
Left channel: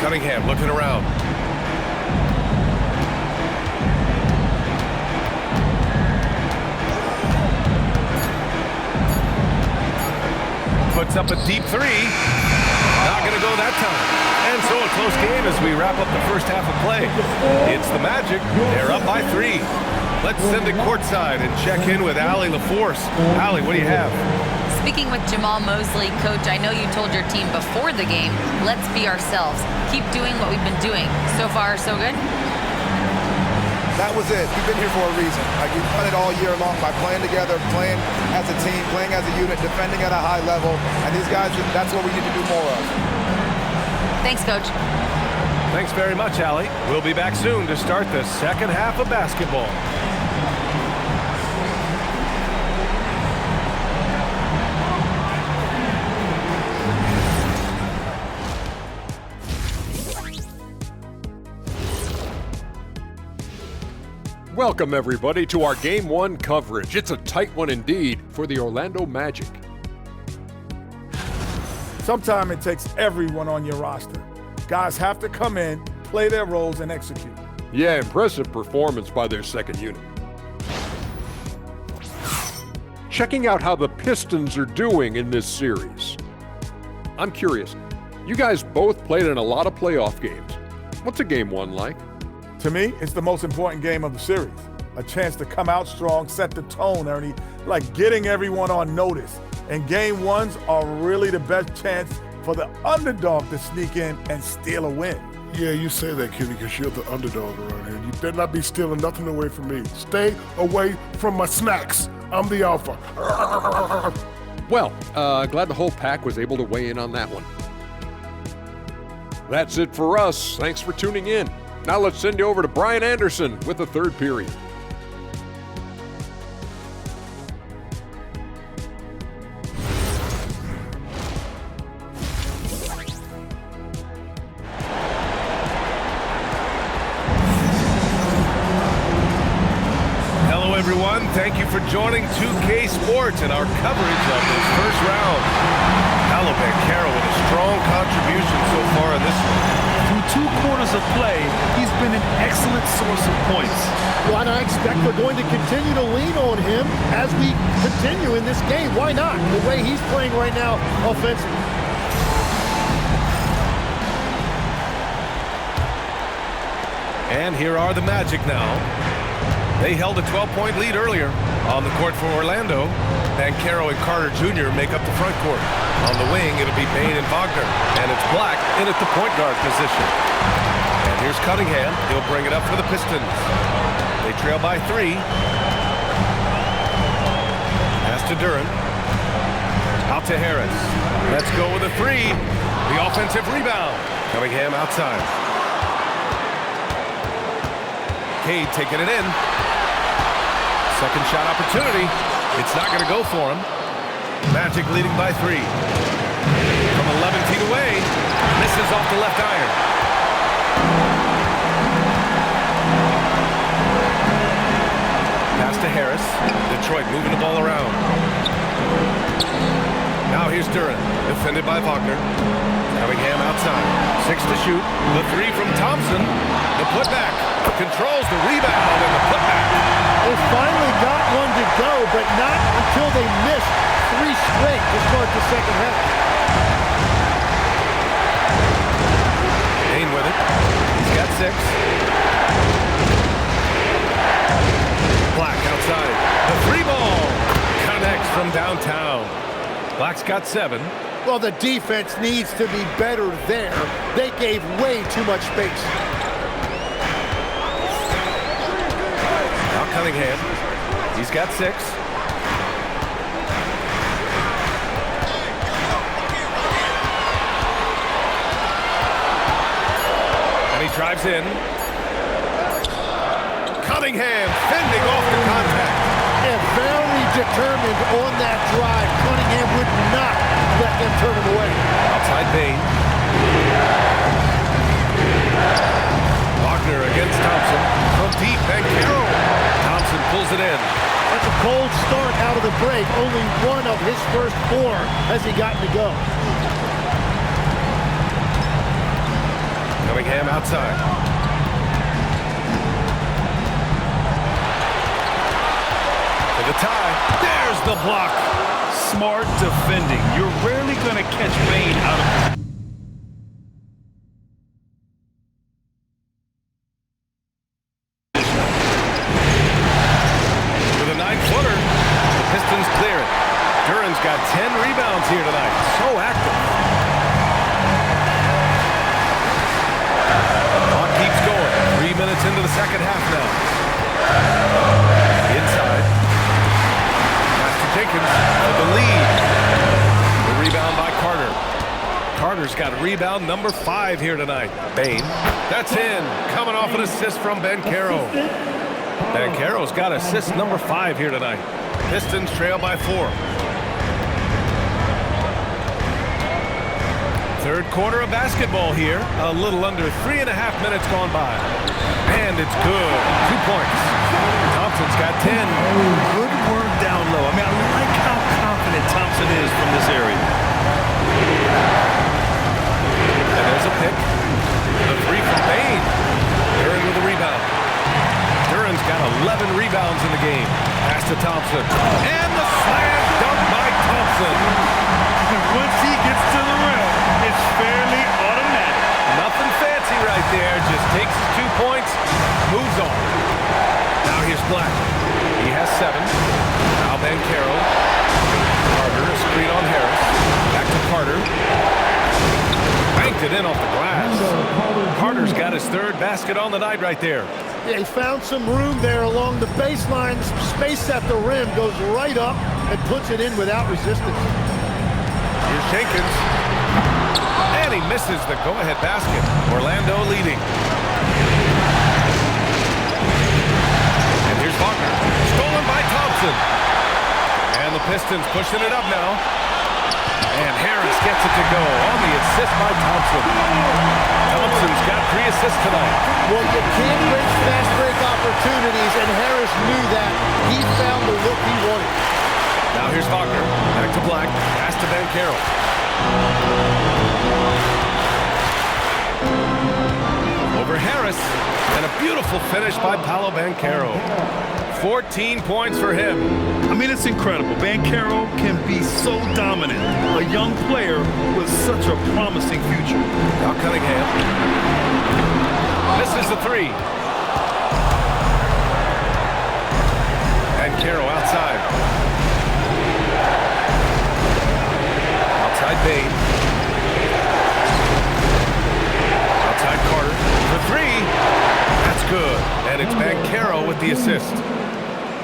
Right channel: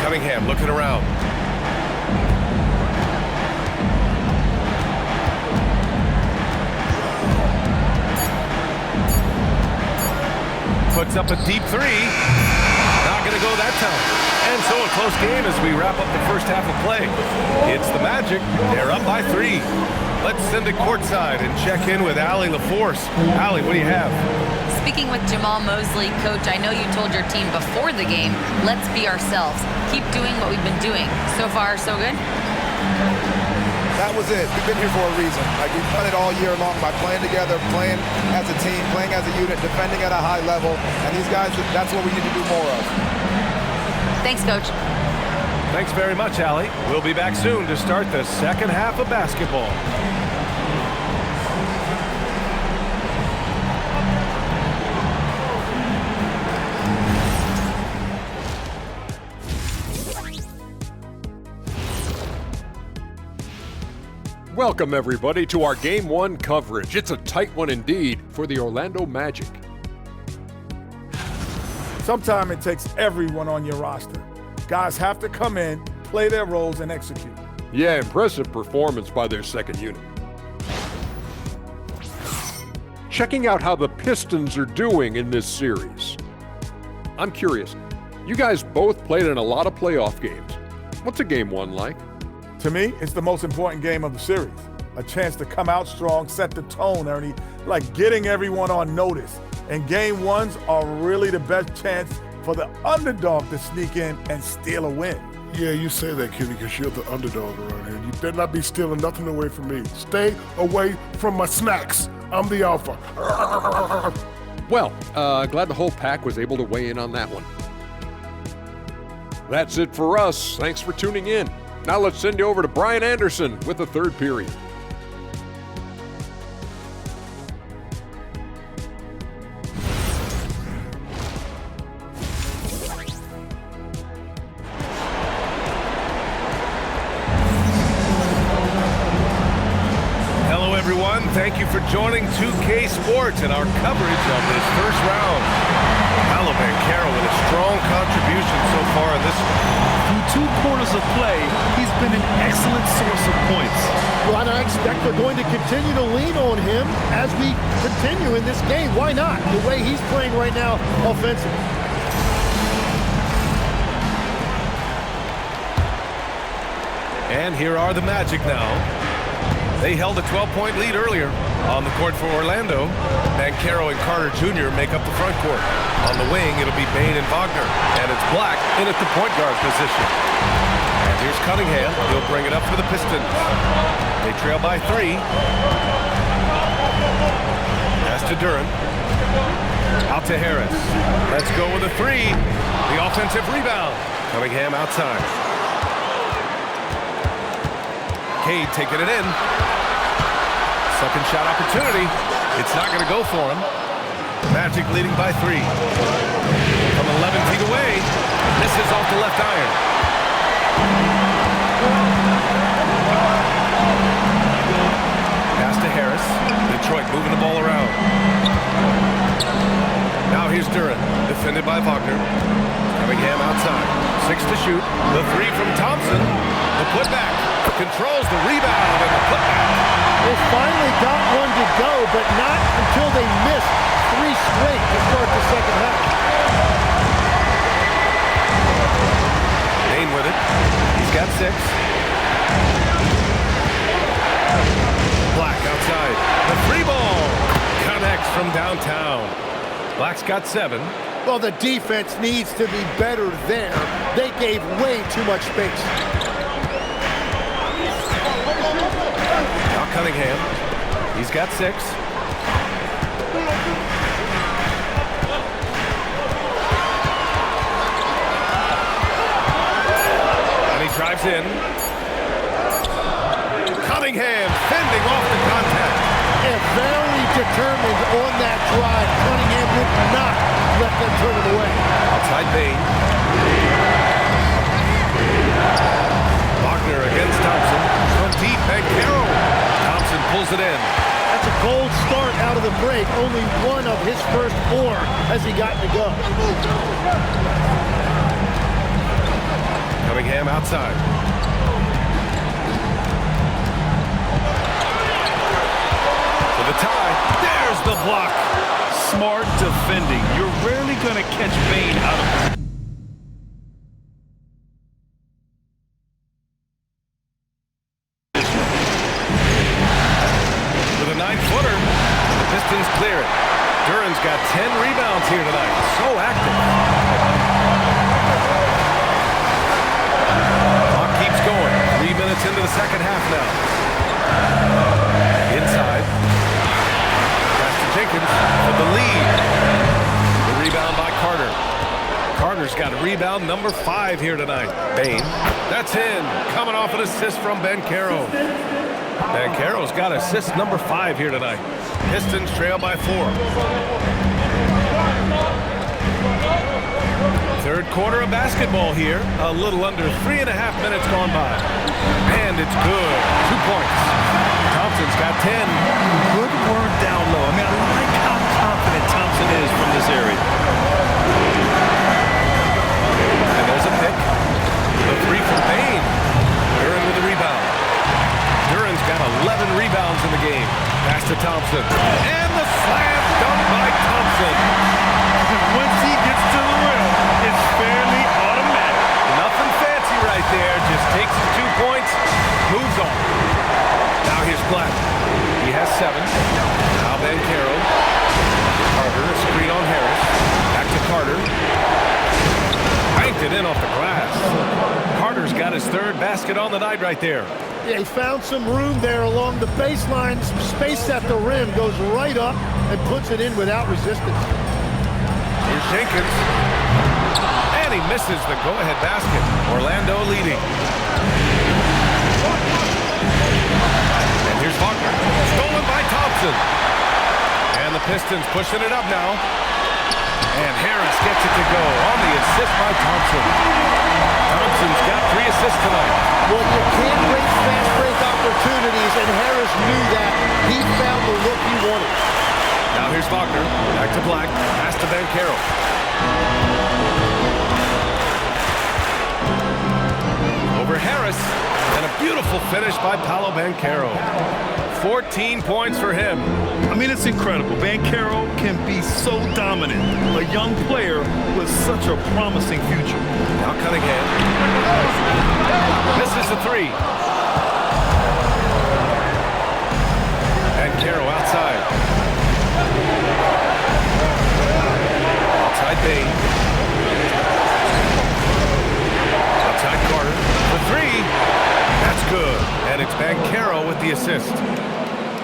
Cunningham looking around. Puts up a deep 3. Not going to go that time. And so a close game as we wrap up the first half of play. It's the Magic. They're up by 3. Let's send it courtside and check in with Allie LaForce. Allie, what do you have? Speaking with Jamal Mosley, Coach, I know you told your team before the game, let's be ourselves. Keep doing what we've been doing. So far, so good? That was it. We've been here for a reason. Like, we've done it all year long by playing together, playing as a team, playing as a unit, defending at a high level. And these guys, that's what we need to do more of. Thanks, Coach. Thanks very much, Allie. We'll be back soon to start the second half of basketball. Welcome, everybody, to our Game 1 coverage. It's a tight one indeed for the Orlando Magic. Sometimes it takes everyone on your roster. Guys have to come in, play their roles, and execute. Yeah, impressive performance by their second unit. Checking out how the Pistons are doing in this series. I'm curious, you guys both played in a lot of playoff games. What's a Game 1 like? To me, it's the most important game of the series. A chance to come out strong, set the tone, Ernie, like getting everyone on notice. And Game 1s are really the best chance for the underdog to sneak in and steal a win. Yeah, you say that, Kitty, because you're the underdog around here. You better not be stealing nothing away from me. Stay away from my snacks. I'm the alpha. Well, glad the whole pack was able to weigh in on that one. That's it for us. Thanks for tuning in. Now let's send you over to Brian Anderson with the third period. Hello, everyone. Thank you for joining 2K Sports and our coverage of this first round. Paolo Banchero with a strong contribution so far in this one. Through 2 quarters of play, he's been an excellent source of points. Well, and I expect they're going to continue to lean on him as we continue in this game. Why not? The way he's playing right now offensively. And here are the Magic now. They held a 12-point lead earlier. On the court for Orlando, Banchero and Carter Jr. make up the front court. On the wing, it'll be Bane and Wagner. And it's Black in at the point guard position. And here's Cunningham. He'll bring it up for the Pistons. They trail by 3. Pass to Duran. Out to Harris. Let's go with a 3. The offensive rebound. Cunningham outside. Cade taking it in. Second shot opportunity. It's not going to go for him. Magic leading by 3. From 11 feet away. Misses off the left iron. Pass to Harris. Detroit moving the ball around. Now here's Duran. Defended by Wagner. Cunningham outside. 6 to shoot. The 3 from Thompson. The putback. Controls the rebound and the putback. They finally got one to go, but not until they missed 3 straight to start the second half. Bain with it. He's got 6. Black outside. The 3 ball connects from downtown. Black's got 7. Well, the defense needs to be better there. They gave way too much space. Now Cunningham. He's got 6. And he drives in. Cunningham fending off the contact. Yeah, very determined on that drive. Cunningham would not let them turn him away. Outside Bain. Wagner against Thompson. From deep, Banchero. Thompson pulls it in. That's a cold start out of the break. Only one of his first 4 has he gotten to go. Cunningham outside. For the tie. There's the block. Smart defending. You're rarely going to catch Bain out of position. With a 9-footer, the Pistons clear it. Duran's got 10 rebounds here tonight. So active. Clock keeps going. 3 minutes into the second half now. Inside. Jenkins for the lead. The rebound by Carter. Carter's got rebound number 5 here tonight. Bain. That's in. Coming off an assist from Banchero. Banchero's got assist number 5 here tonight. Pistons trail by 4. Third quarter of basketball here. A little under 3.5 minutes gone by. And it's good. 2 points. Thompson's got 10. Good work down low. I mean, I like how confident Thompson is from this area. And there's a pick. The 3 from Bain. Duran with the rebound. Duran's got 11 rebounds in the game. Pass to Thompson. And the slam dunk by Thompson. Once he gets to the rim, it's fairly automatic. Nothing fancy right there. Just takes his 2 points, moves on. Now here's Black. He has 7. Now Banchero. Carter, a screen on Harris. Back to Carter. Banked it in off the glass. Carter's got his 3rd basket on the night right there. Yeah, he found some room there along the baseline. Some space at the rim. Goes right up and puts it in without resistance. Here's Jenkins. And he misses the go-ahead basket. Orlando leading. Here's Wagner, stolen by Thompson. And the Pistons pushing it up now. And Harris gets it to go on the assist by Thompson. Thompson's got 3 assists tonight. Well, you can't waste fast break opportunities, and Harris knew that. He found the look he wanted. Now here's Wagner, back to Black, pass to Banchero. Over Harris. And a beautiful finish by Paolo Banchero. 14 points for him. I mean, it's incredible. Banchero can be so dominant. A young player with such a promising future. Now Cunningham. Misses the 3. Banchero outside. Outside Bain. Outside Carter for 3. That's good. And it's Banchero with the assist.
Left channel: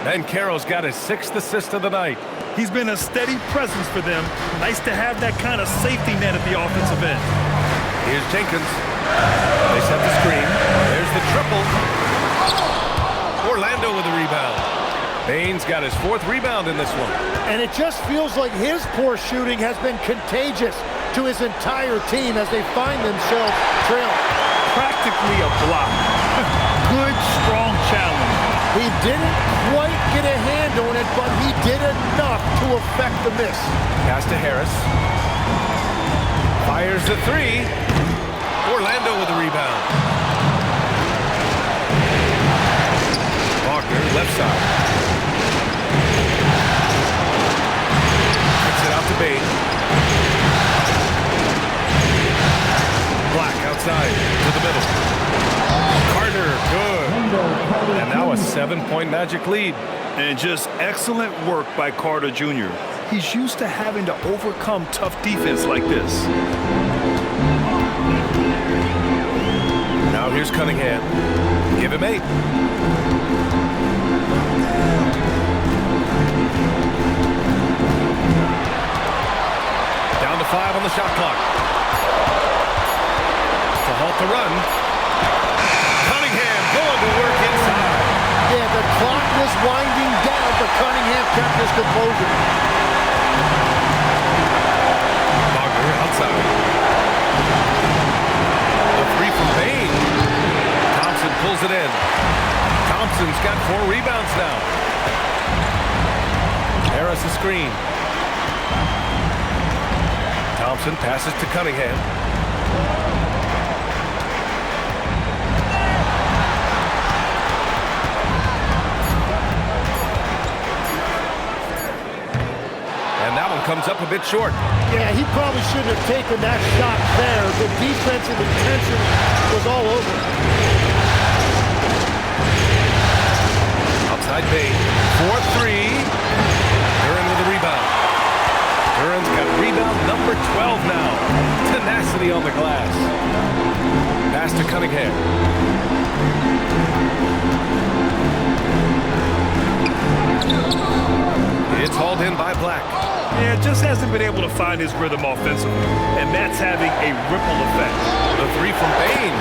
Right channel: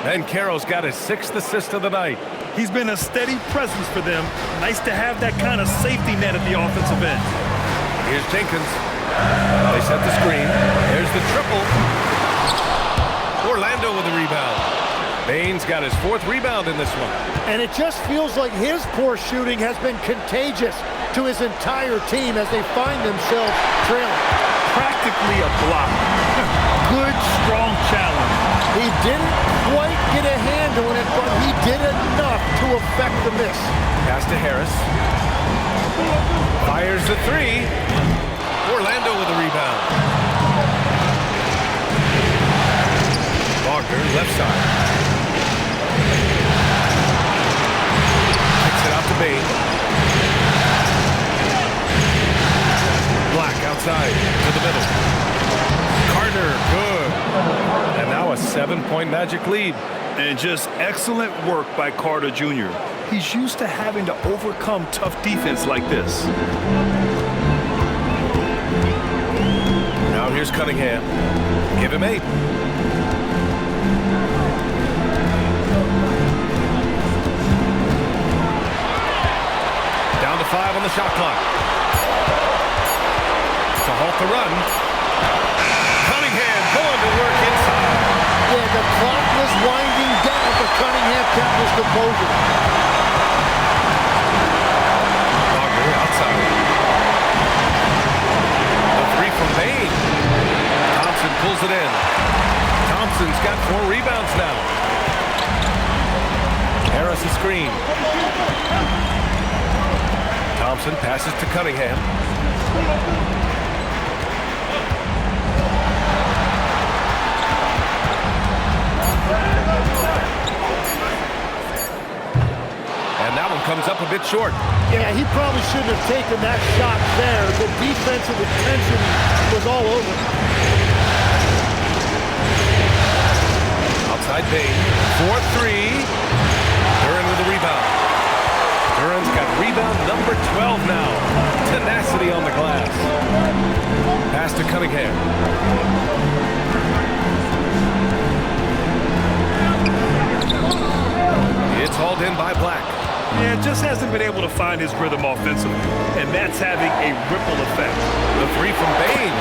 Banchero's got his 6th assist of the night. He's been a steady presence for them. Nice to have that kind of safety net at the offensive end. Here's Jenkins. They set the screen. There's the triple. Orlando with the rebound. Bain's got his 4th rebound in this one. And it just feels like his poor shooting has been contagious to his entire team as they find themselves trailing. Practically a block. Good, strong challenge. He didn't quite get a hand on it, but he did enough to affect the miss. Pass to Harris. Fires the 3. Orlando with the rebound. Wagner, left side. Bain. Black outside to the middle. Carter, good. And now a 7-point Magic lead. And just excellent work by Carter Jr. He's used to having to overcome tough defense like this. Now here's Cunningham. Give him 8. Down to 5 on the shot clock. To halt the run. Cunningham going to work inside. Yeah, the clock was winding down, but Cunningham kept his composure. Wagner outside. The 3 from Bain. Thompson pulls it in. Thompson's got 4 rebounds now. Harris a screen. Thompson passes to Cunningham. And that one comes up a bit short. Yeah, he probably shouldn't have taken that shot there. The defensive attention was all over. Outside Bain. 4-3. Duran with the rebound. Duran's got rebound number 12 now. Tenacity on the glass. Pass to Cunningham. It's hauled in by Black. Yeah, just hasn't been able to find his rhythm offensively, and that's having a ripple effect. The 3 from Bain.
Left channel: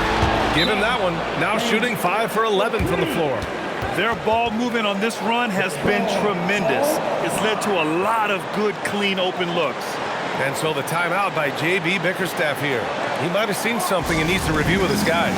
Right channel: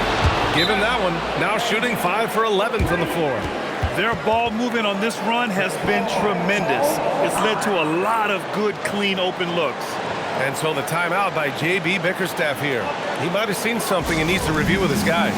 Give him that one. Now shooting 5 for 11 from the floor. Their ball movement on this run has been tremendous. It's led to a lot of good, clean, open looks. And so the timeout by J.B. Bickerstaff here. He might have seen something and needs to review with his guys.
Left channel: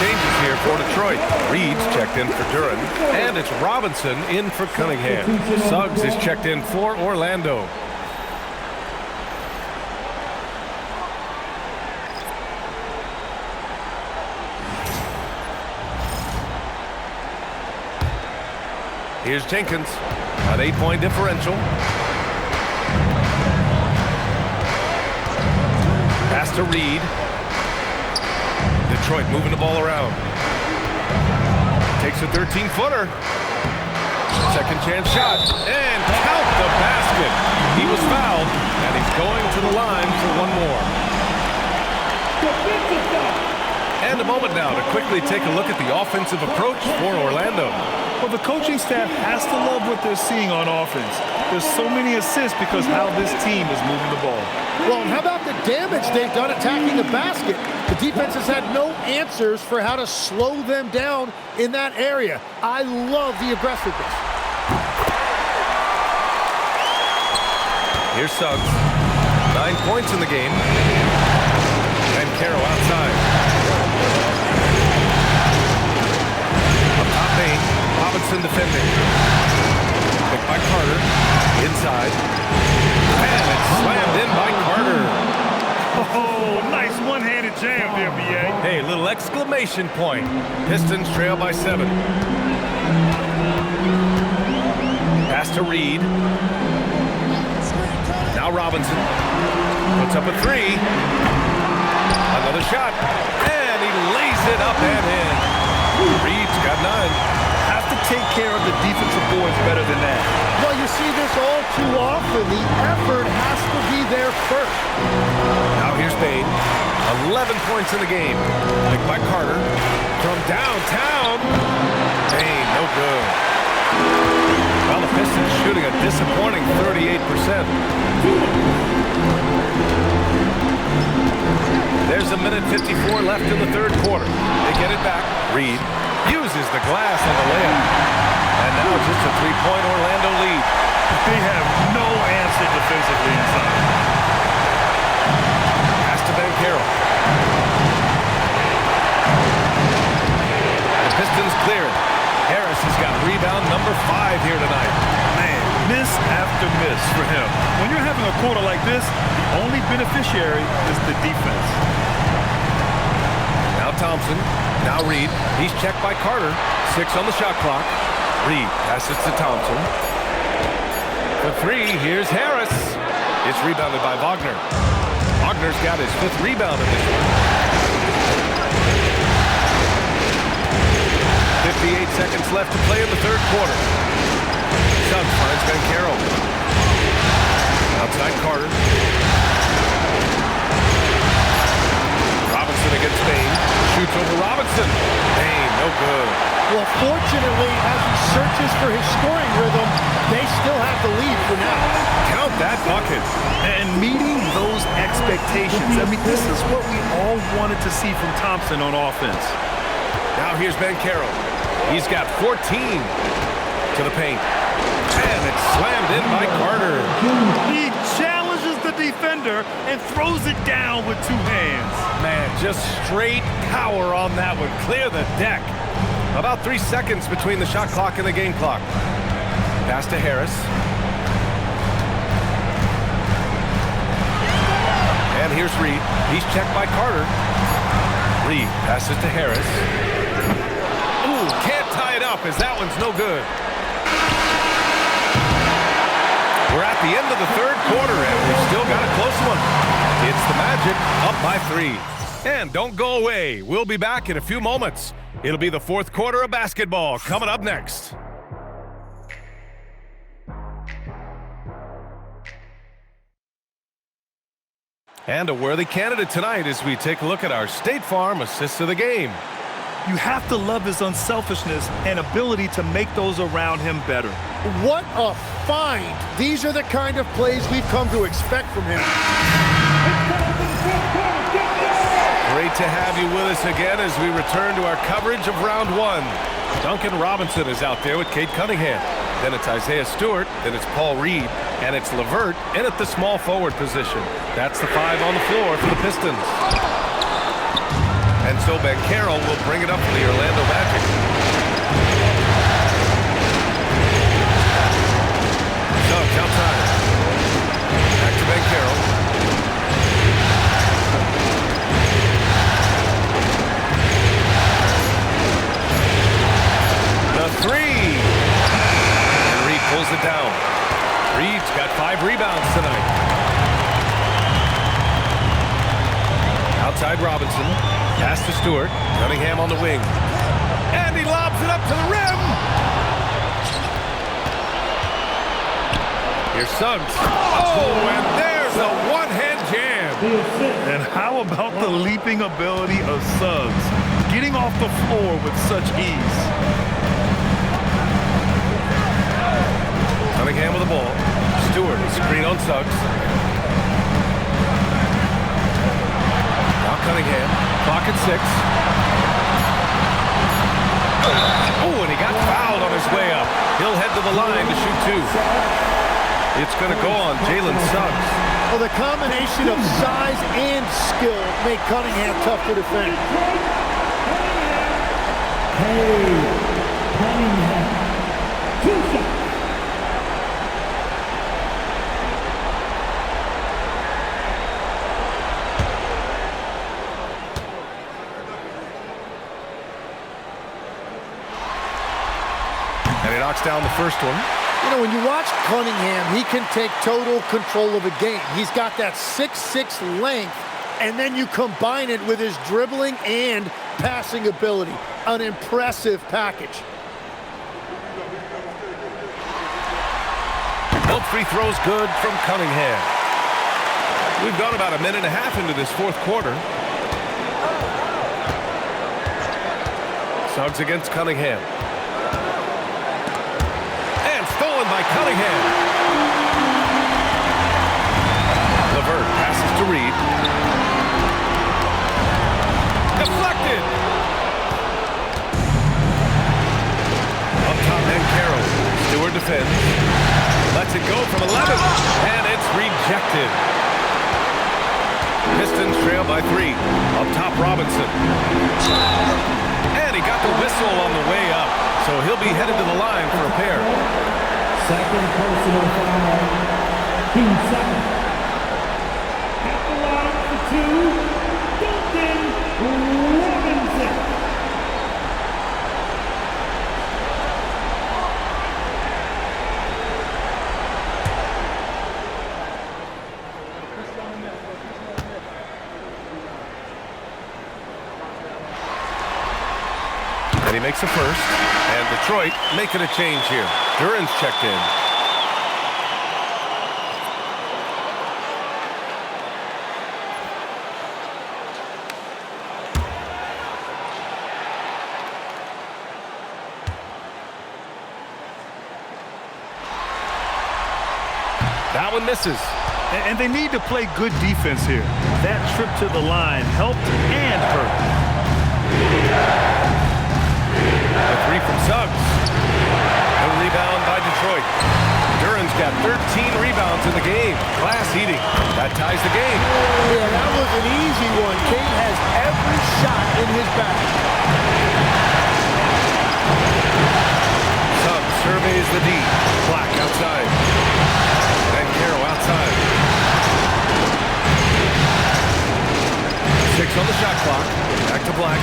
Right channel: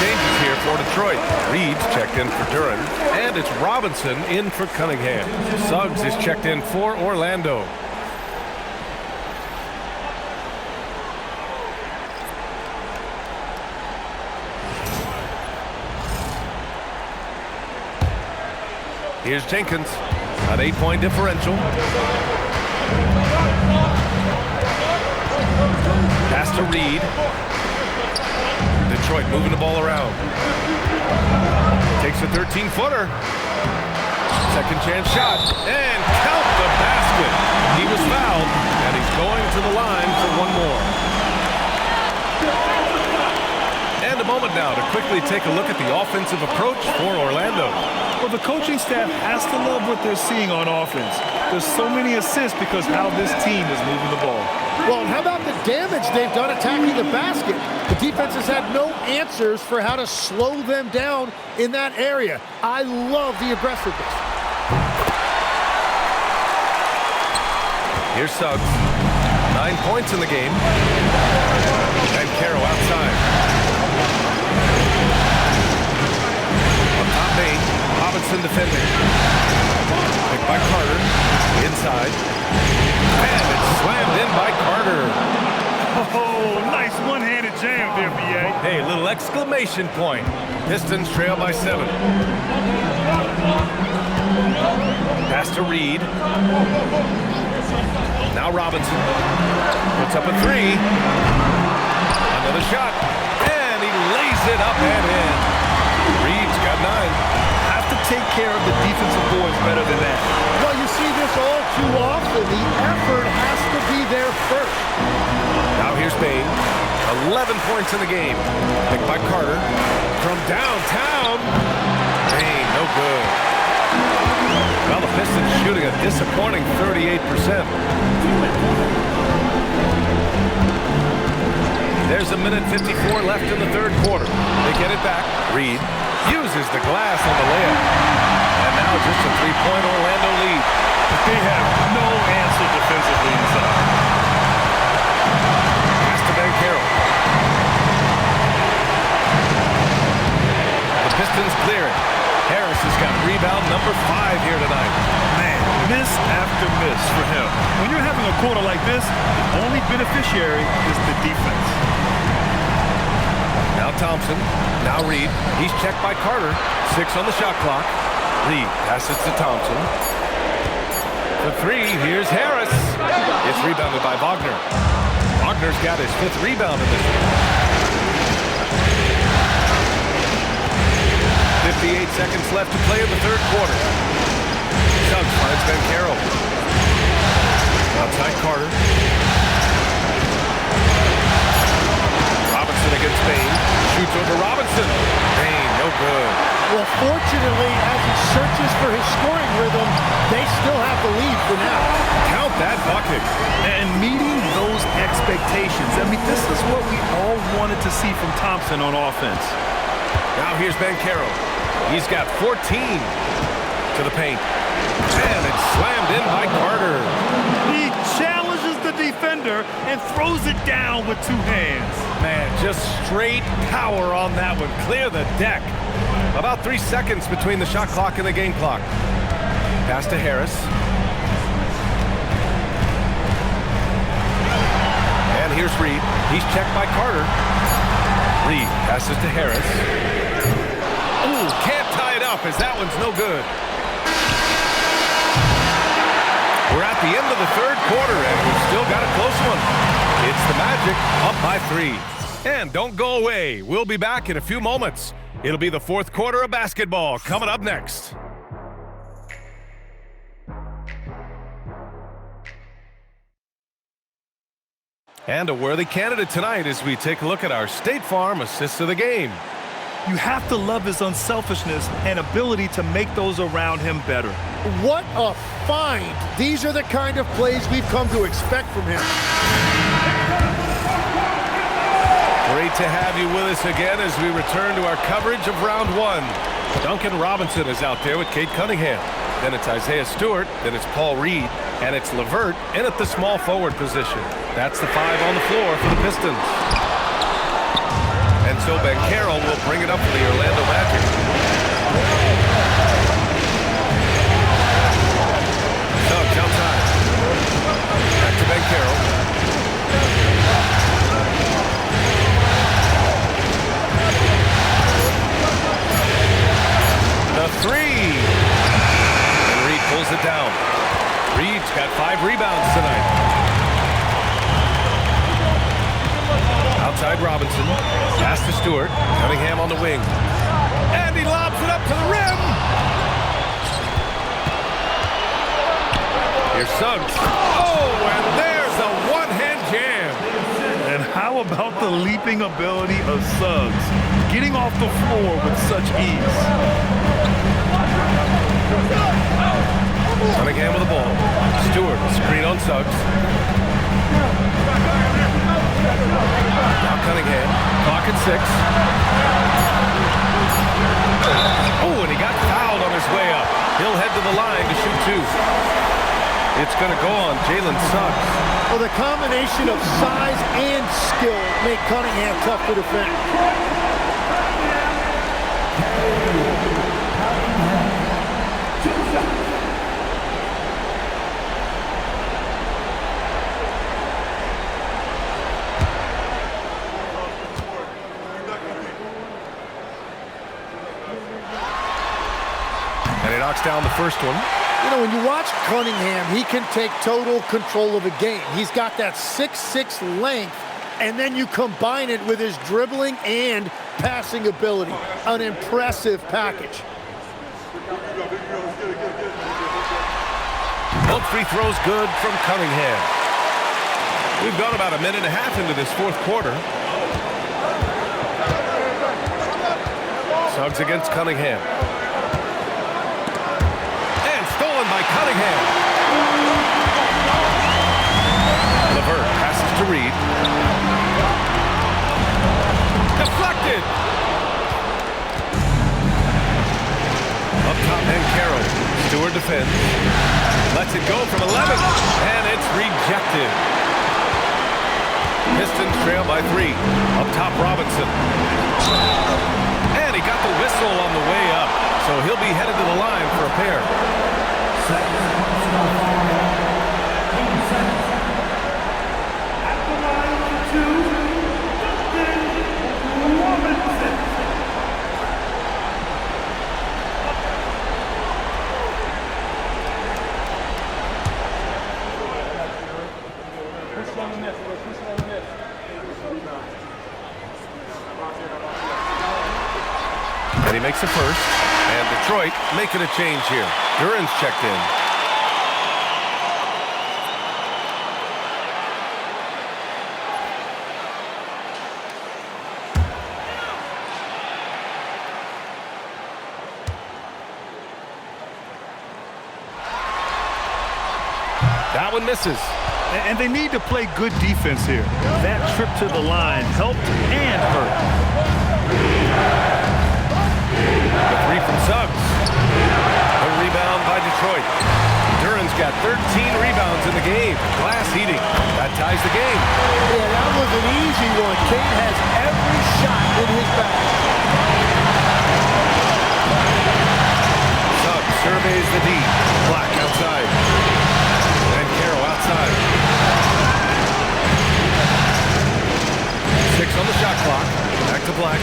Changes here for Detroit. Reed's checked in for Duran, and it's Robinson in for Cunningham. Suggs is checked in for Orlando. Here's Jenkins, an 8-point differential. Pass to Reed. Detroit moving the ball around. Takes a 13-footer. Second chance shot. And count the basket. He was fouled, and he's going to the line for one more. And a moment now to quickly take a look at the offensive approach for Orlando. Well, the coaching staff has to love what they're seeing on offense. There's so many assists because how this team is moving the ball. Well, and how about the damage they've done attacking the basket? The defense has had no answers for how to slow them down in that area. I love the aggressiveness. Here's Suggs. 9 points in the game. And Caro outside. Up top, Bain. Robinson defending. Picked by Carter. Inside. And it's slammed in by Carter. Oh, nice one-handed jam there, B.A. Hey, little exclamation point. Pistons trail by 7. Pass to Reed. Now Robinson. Puts up a 3. Another shot. And he lays it up and in. Reed's got 9. Have to take care of the defensive boards better than that. Well, you see this all too often. The effort has to be there first. Now here's Bain. 11 points in the game. Picked by Carter. From downtown. Bain, no good. Well, the Pistons shooting a disappointing 38%. There's a minute 54 left in the third quarter. They get it back. Reed uses the glass on the layup. And now just a three-point Orlando lead. They have no answer defensively inside. Pass to Banchero. The Pistons clear it. Harris has got rebound number 5 here tonight. Man, miss after miss for him. When you're having a quarter like this, the only beneficiary is the defense. Now Thompson. Now Reed. He's checked by Carter. 6 on the shot clock. Reed passes to Thompson. For 3, here's Harris. It's rebounded by Wagner. Wagner's got his 5th rebound in this one. 58 seconds left to play in the third quarter. Suggs finds Banchero. Outside Carter. Robinson against Bain. Shoots over Robinson. Bain, no good. Well, fortunately, as he searches for his scoring rhythm, they still have the lead for now. Count that bucket. And meeting those expectations. I mean, this is what we all wanted to see from Thompson on offense. Now here's Banchero. He's got 14 to the paint. And it's slammed in by Carter. He challenges the defender and throws it down with 2 hands. Man, just straight power on that one. Clear the deck. About 3 seconds between the shot clock and the game clock. Pass to Harris. And here's Reed. He's checked by Carter. Reed passes to Harris. Ooh, can't tie it up as that one's no good. We're at the end of the third quarter, and we've still got a close one. It's the Magic up by 3. And don't go away. We'll be back in a few moments. It'll be the fourth quarter of basketball coming up next. And a worthy candidate tonight as we take a look at our State Farm assists of the game. You have to love his unselfishness and ability to make those around him better. What a find. These are the kind of plays we've come to expect from him. Great to have you with us again as we return to our coverage of round 1. Duncan Robinson is out there with Cade Cunningham. Then it's Isaiah Stewart. Then it's Paul Reed. And it's LeVert in at the small forward position. That's the 5 on the floor for the Pistons. And so Banchero will bring it up for the Orlando Magic. Suggs outside. Back to Banchero. The 3. And Reed pulls it down. Reed's got 5 rebounds tonight. Outside Robinson. Pass to Stewart. Cunningham on the wing. And he lobs it up to the rim. Here's Suggs. Oh, and there's a one-hand jam. And how about the leaping ability of Suggs? Getting off the floor with such ease. Cunningham with the ball. Stewart, screen on Suggs. Now Cunningham, clock at 6. Oh, and he got fouled on his way up. He'll head to the line to shoot 2. It's going to go on Jalen Suggs. Well, the combination of size and skill make Cunningham tough to defend. Cunningham. 2 shots. And he knocks down the first one. You know, when you watch Cunningham, he can take total control of a game. He's got that 6'6" length, and then you combine it with his dribbling and passing ability. An impressive package. Both free throws good from Cunningham. We've gone about a minute and a half into this fourth quarter. Suggs against Cunningham. And stolen by Cunningham. LeVert passes to Reed. Deflected. Up top, Bankero. Stewart defends. Lets it go from 11. And it's rejected. Pistons trail by 3. Up top, Robinson. And he got the whistle on the way up. So he'll be headed to the line for a pair. Second personal foul. Team second. At the line for 2, Duncan Robinson. And he makes a first. And Detroit making a change here. Duran's checked in. That one misses. And they need to play good defense here. That trip to the line helped and hurt. The 3 from Suggs. The rebound by Detroit. Duran's got 13 rebounds in the game. Glass eating. That ties the game. Yeah, that was an easy one. Kane has every shot in his bag. Suggs surveys the D. Black outside. And Caro outside. 6 on the shot clock. Back to Black.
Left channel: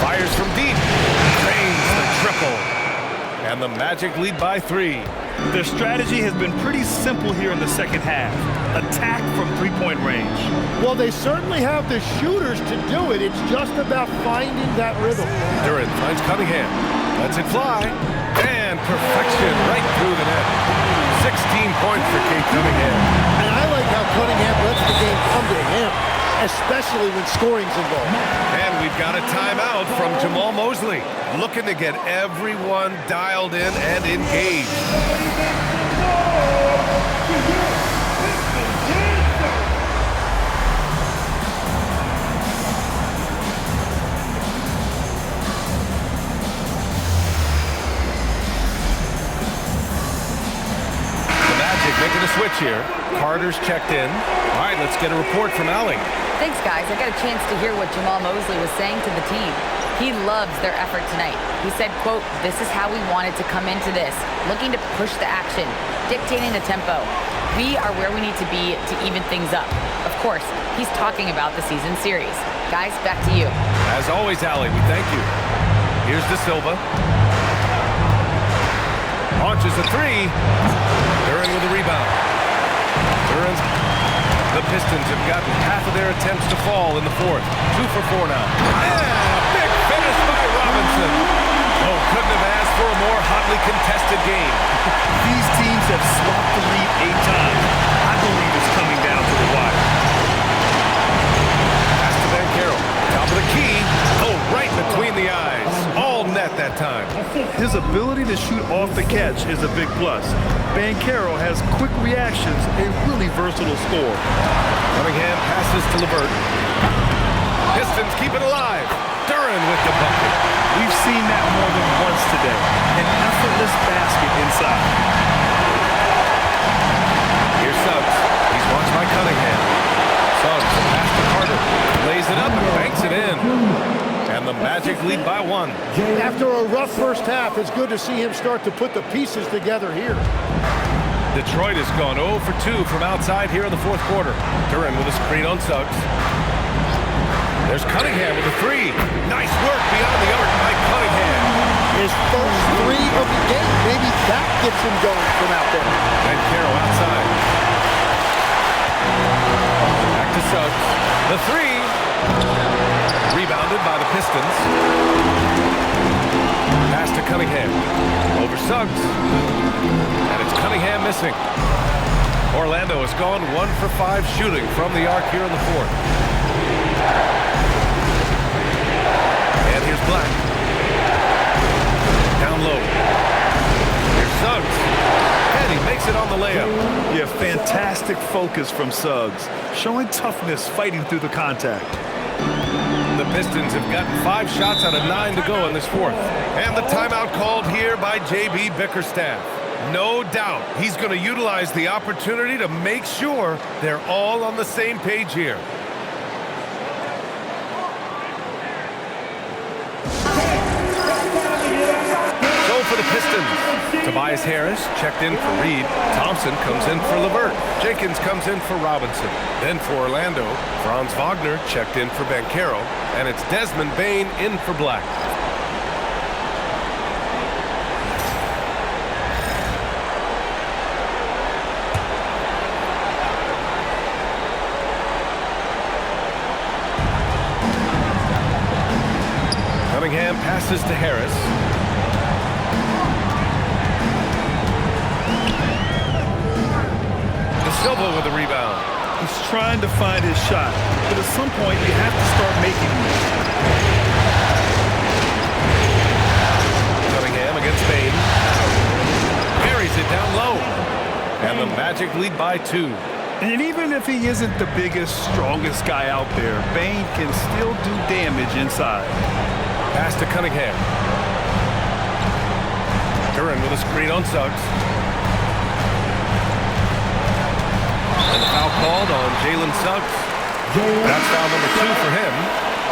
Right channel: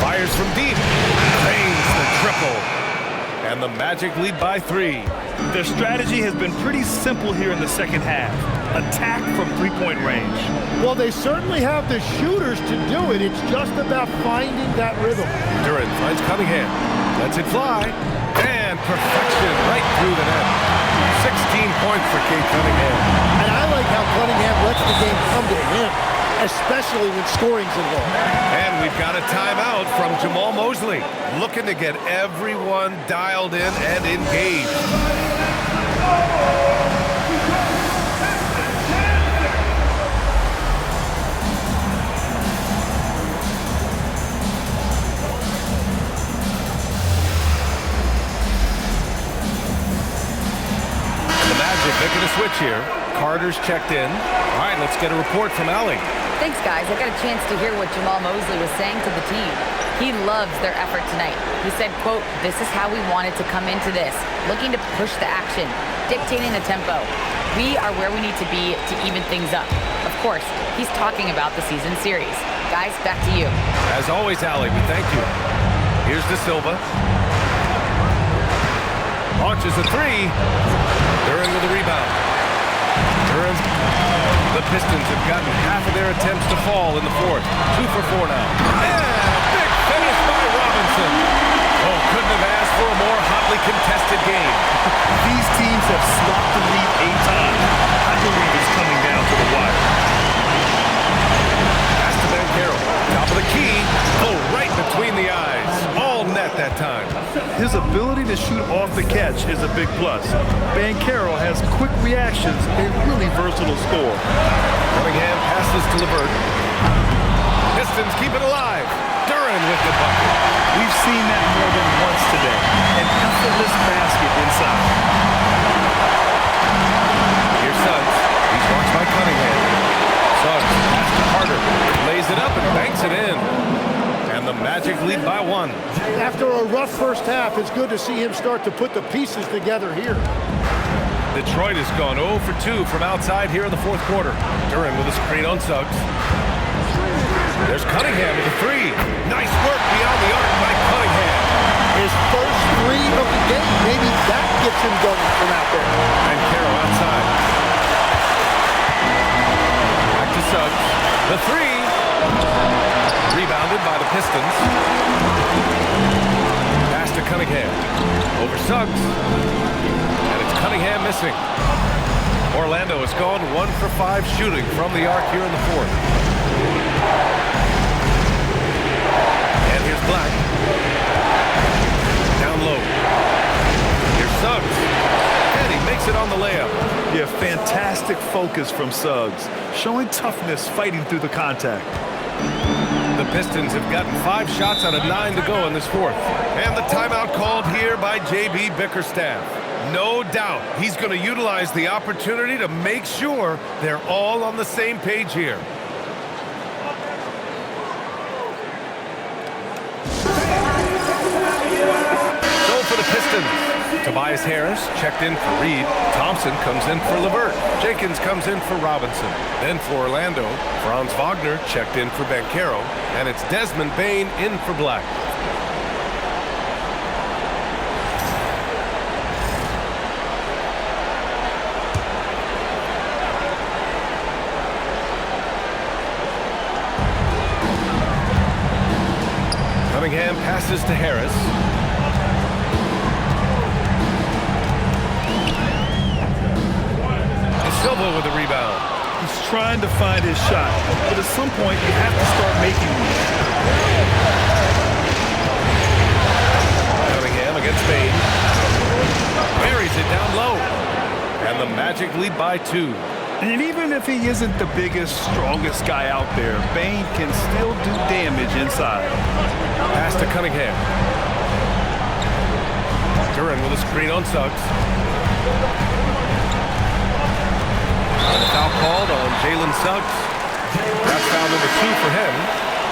Fires from deep. Drains the triple. And the Magic lead by 3. Their strategy has been pretty simple here in the second half. Attack from three-point range. Well, they certainly have the shooters to do it. It's just about finding that rhythm. Duran finds Cunningham. Lets it fly. And perfection right through the net. 16 points for Kate Cunningham. And I like how Cunningham lets the game come to him, especially when scoring's involved. And we've got a timeout from Jamal Mosley, looking to get everyone dialed in and engaged. The Magic making a switch here. Carter's checked in. All right, let's get a report from Allie. Thanks, guys. I got a chance to hear what Jamal Mosley was saying to the team. He loves their effort tonight. He said, quote, "This is how we wanted to come into this, looking to push the action, dictating the tempo. We are where we need to be to even things up." Of course, he's talking about the season series. Guys, back to you. As always, Allie, we thank you. Here's De Silva. Launches a 3. Duran with a rebound. The Pistons have gotten half of their attempts to fall in the fourth. 2 for 4 now. And a big finish by Robinson. Oh, couldn't have asked for a more hotly contested game. These teams have swapped the lead 8 times. I believe it's coming down to the wire. Pass to Bankero. Top of the key. Oh, right between the eyes. All net that time. His ability to shoot off the catch is a big plus. Bankero has quick reactions, a really versatile scorer. Cunningham passes to LeVert. Pistons keep it alive. Duran with the bucket. We've seen that more than once today. An effortless basket inside. Here's Suggs. He's watched by Cunningham. Suggs pass to Carter. Lays it up and banks it in. And the Magic lead by 1. After a rough first half, it's good to see him start to put the pieces together here. Detroit has gone 0 for 2 from outside here in the fourth quarter. Duran with a screen on Suggs. There's Cunningham with a 3. Nice work beyond the arc by Cunningham. His first 3 of the game. Maybe that gets him going from out there. And Caro outside. Back to Suggs. The 3. Rebounded by the Pistons. Pass to Cunningham. Over Suggs. And it's Cunningham missing. Orlando has gone 1 for 5 shooting from the arc here in the fourth. And here's Black. Down low. Here's Suggs. And he makes it on the layup. Yeah, fantastic focus from Suggs. Showing toughness, fighting through the contact. The Pistons have gotten 5 shots out of 9 to go in this fourth. And the timeout called here by J.B. Bickerstaff. No doubt he's going to utilize the opportunity to make sure they're all on the same page here. So for the Pistons, Tobias Harris checked in for Reed. Thompson comes in for LeVert. Jenkins comes in for Robinson. Then for Orlando, Franz Wagner checked in for Banchero. And it's Desmond Bane in for Black. Cunningham passes to Harris. De Silva with a rebound. He's trying to find his shot, but at some point you have to start making one. Cunningham against Bane. Buries it down low. And the Magic lead by 2. And even if he isn't the biggest, strongest guy out there, Bane can still do damage inside. Pass to Cunningham. Duran with a screen on Suggs. And the foul called on Jalen Suggs. That's foul number 2 for him.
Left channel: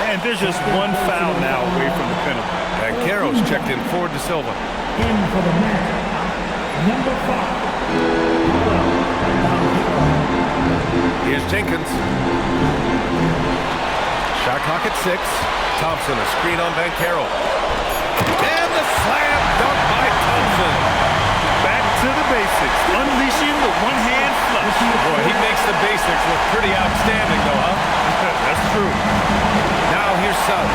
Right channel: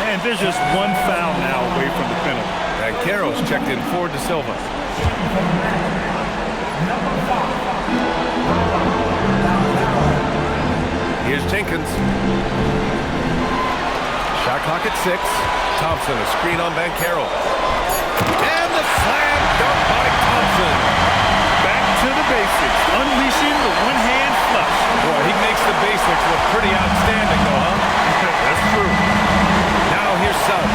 And there's just one foul now away from the penalty. Banchero's checked in for De Silva. In for the Magic, number 5. Here's Jenkins. Shot clock at 6. Thompson, a screen on Banchero. And the slam dunk by Thompson. Back to the basics, unleashing the one-hand flush. Boy, he makes the basics look pretty outstanding, though, huh? That's true. Now here's Suggs.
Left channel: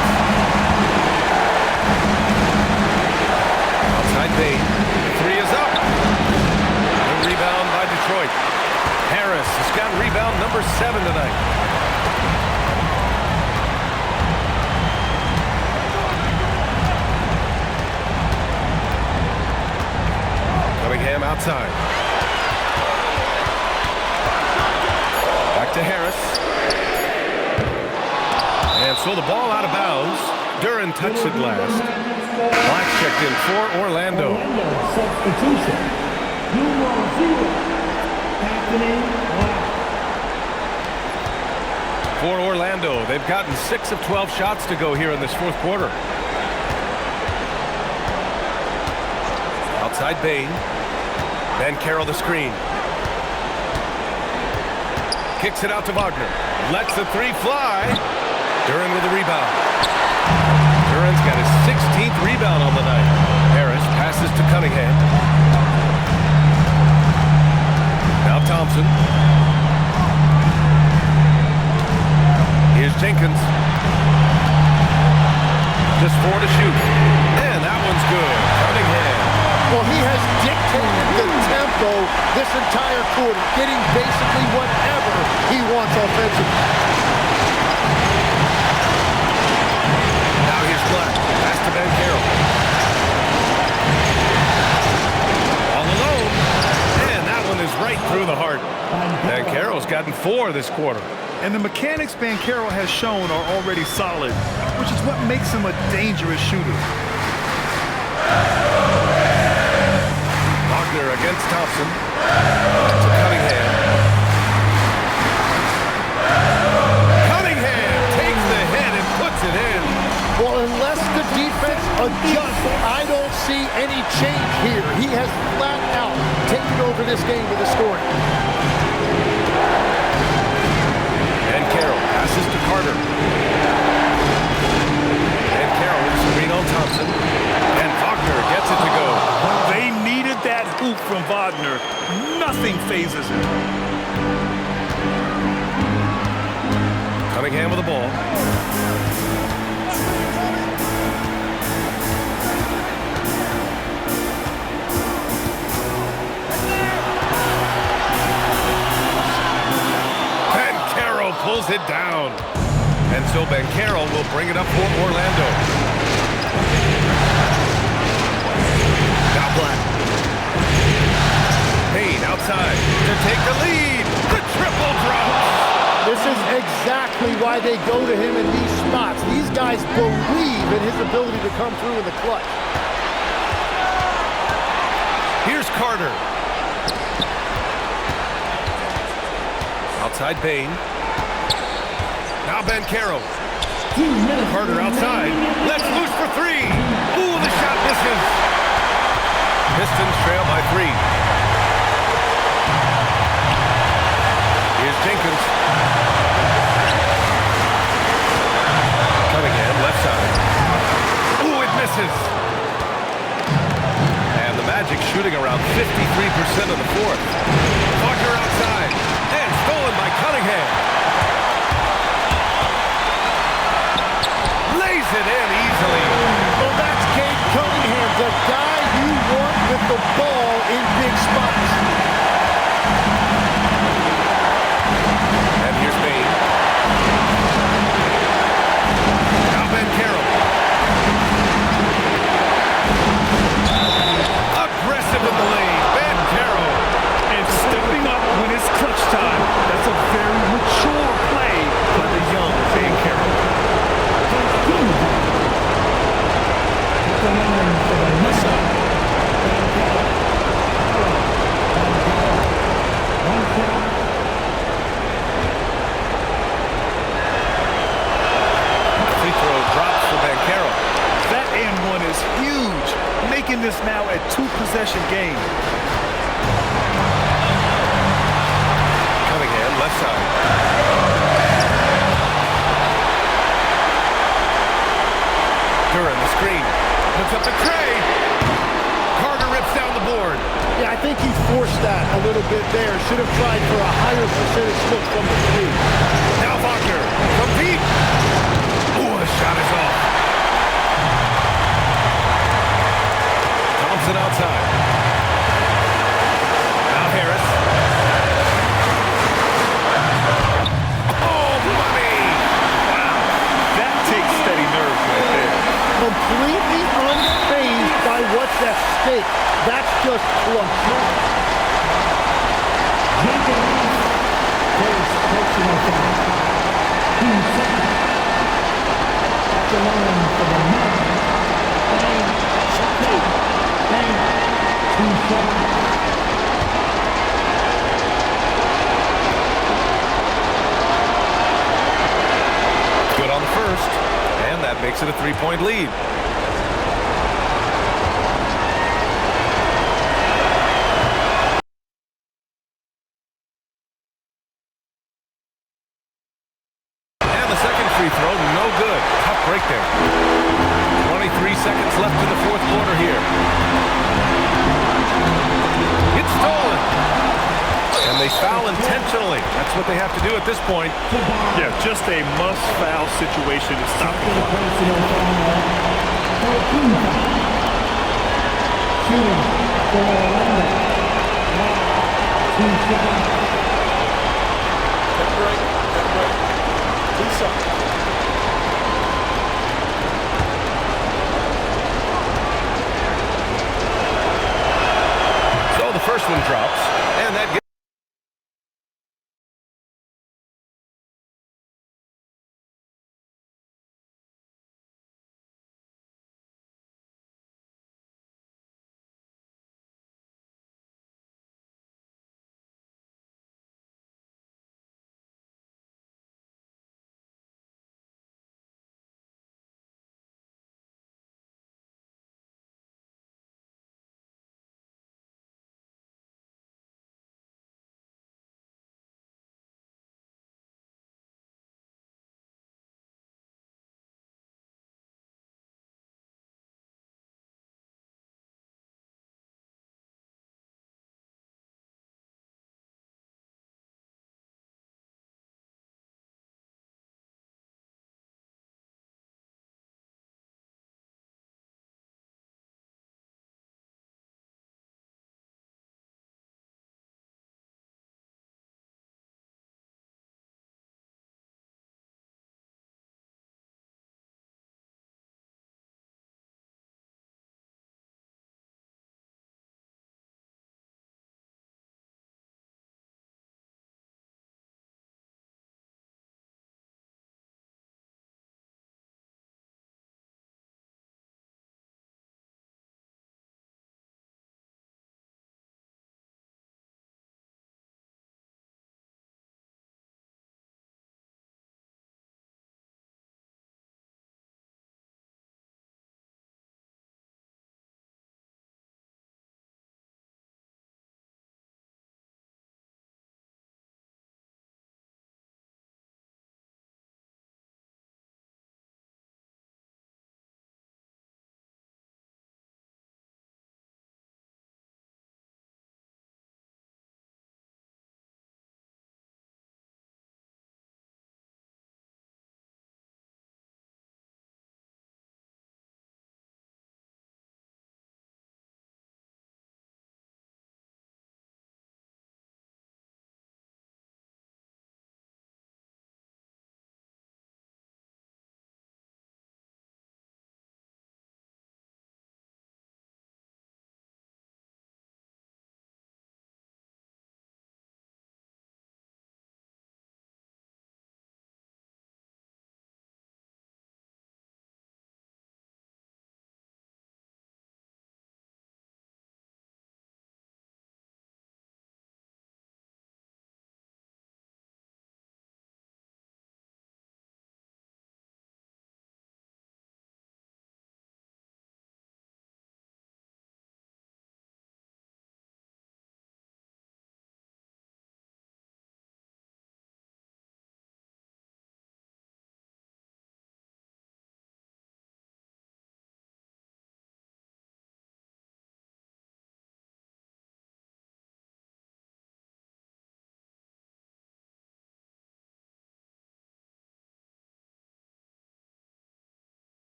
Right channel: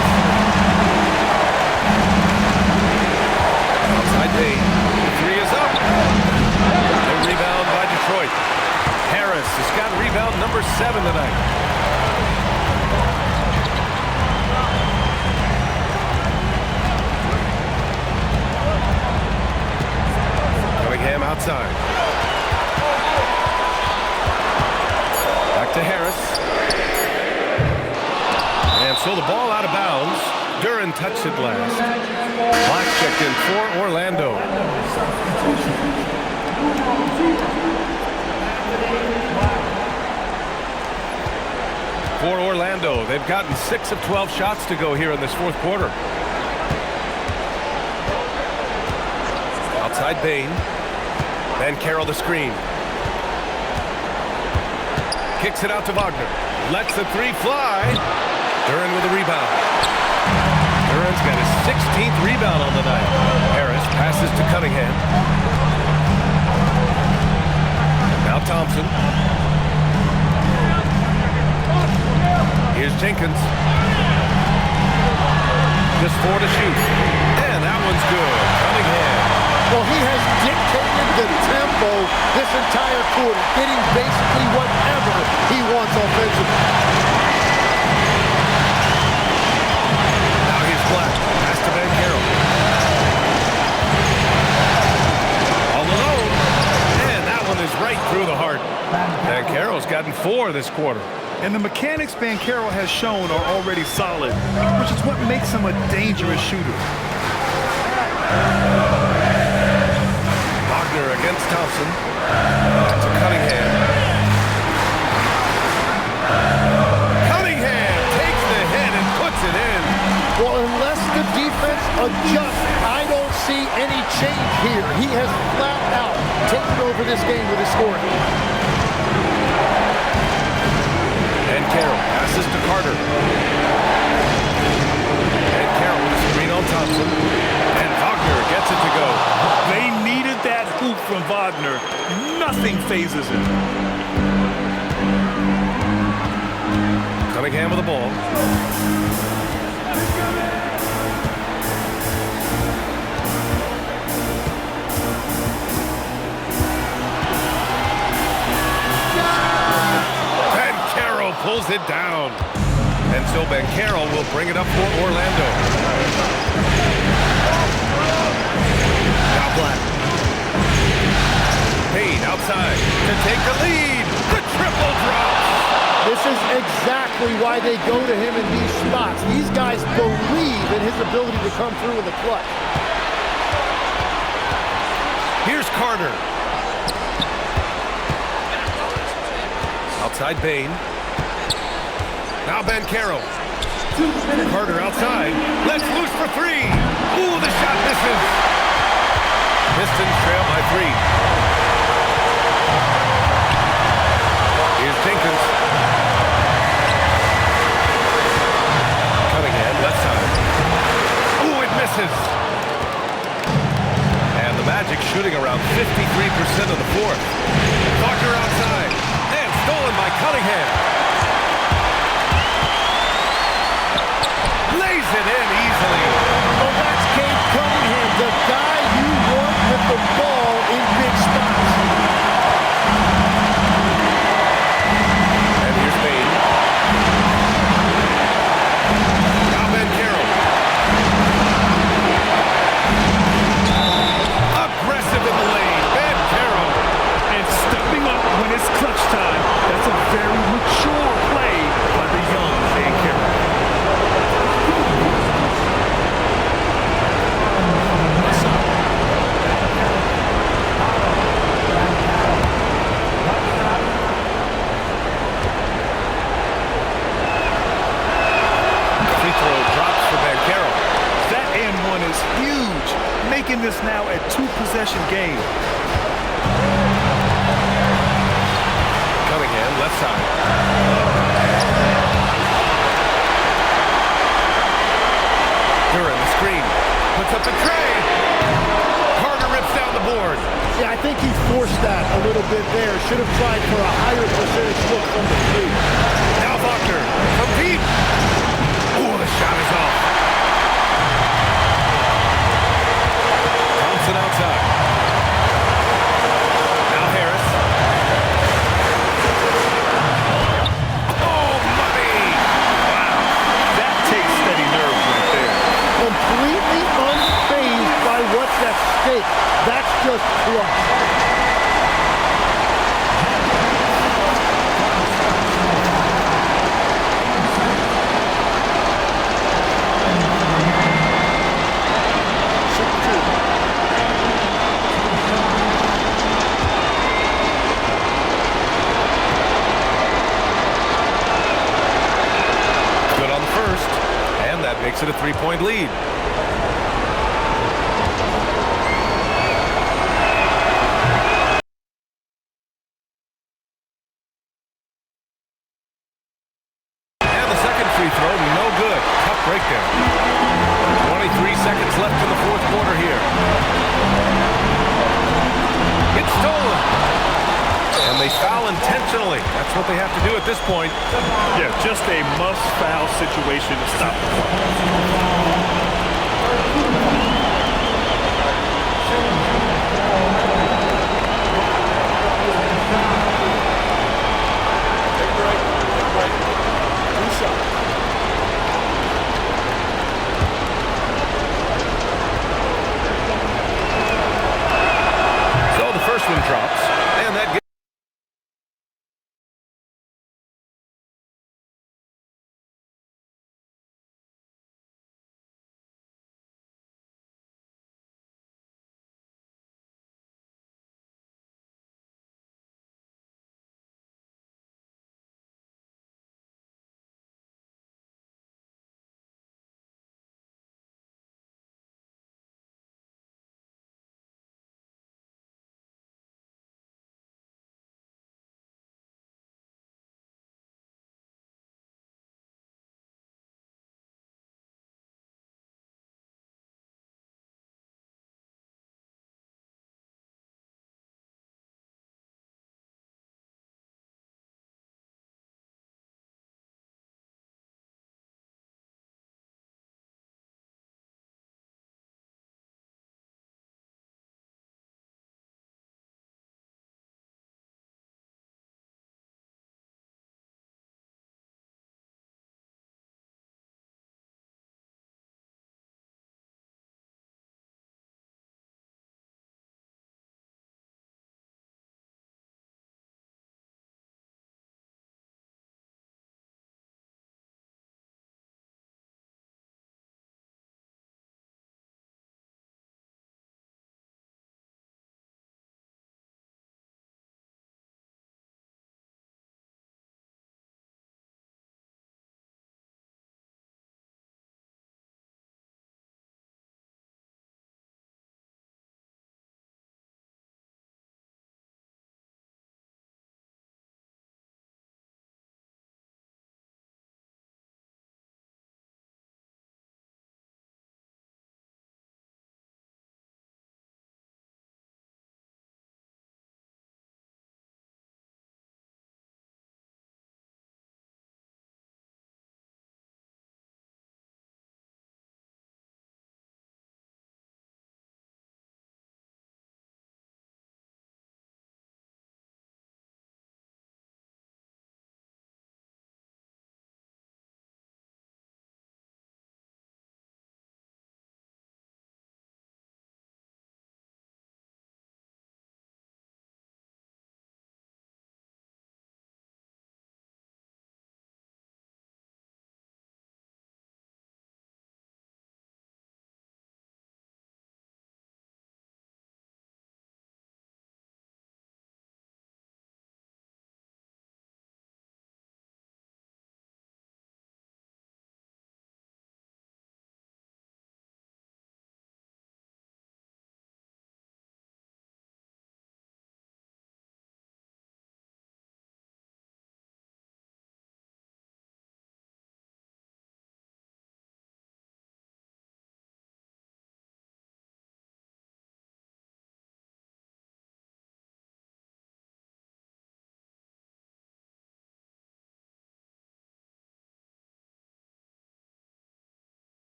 Outside Bane. The 3 is up. The rebound by Detroit. Harris has got rebound number 7 tonight. Cunningham outside. Back to Harris. And so the ball out of bounds. Duran touched it last. Black checked in for Orlando. Substitution. Numero 0, Anthony Black. For Orlando, they've gotten 6 of 12 shots to go here in this fourth quarter. Outside Bane. Banchero the screen. Kicks it out to Wagner. Lets the 3 fly. Duran with a rebound. Duran's got his 16th rebound on the night. Harris passes to Cunningham. Now Thompson. Here's Jenkins. Just 4 to shoot. And that one's good. Cunningham. Well, he has dictated the tempo this entire quarter, getting basically whatever he wants offensively. Now here's Black. Pass to Banchero. All alone. And that one is right through the heart. Banchero's gotten 4 this quarter. And the mechanics Banchero has shown are already solid, which is what makes him a dangerous shooter. Wagner against Thompson. To Cunningham. Cunningham takes the hit and puts it in. Well, unless the defense adjusts, I don't see any change here. He has flat out taken over this game with his scoring. And Carroll passes to Carter. And Carroll with a screen on Thompson. And Wagner gets it to go. They needed that hoop from Wagner. Nothing phases him. Cunningham with the ball. pulls it down. And so Banchero will bring it up for Orlando. Now Black. Payne outside to take the lead. The triple drops. This is exactly why they go to him in these spots. These guys believe in his ability to come through in the clutch. Here's Carter. Outside Payne. Now Banchero. Carter outside. Let's loose for three. Ooh, the shot misses. Pistons trail by 3. Here's Jenkins. Cunningham, left side. Ooh, it misses. And the Magic shooting around 53% of the fourth. Walker outside. And stolen by Cunningham. Lays it in easily. Well, that's Cade Cunningham, the guy you want with the ball in big spots. And here's Payne. Now Banchero. Aggressive in the lane. Banchero. And stepping up when it's clutch time. That's a very mature play by the young Banchero. What's up? Free throw drops for Banchero. That and one is huge, making this now a 2-possession game. Cunningham, left side. Duran, the screen. Puts up the tray. Carter rips down the board. Yeah, I think he forced that a little bit there. Should have tried for a higher percentage look from the 3. Now Wagner from deep. Ooh, the shot is off. Thompson outside. Now Harris. Oh, money! Wow, that takes steady nerves right there. Completely unfazed by what's at stake. That's just clutch. Good on the first, and that makes it a 3-point lead. And the second free throw, no good. Tough break there. 23 seconds left in the fourth quarter here. It's stolen. And they foul intentionally. That's what they have to do at this point. Yeah, just a must-foul situation to stop the clock. Take a break. Take a break. 2 shots. So the first one drops, and that gets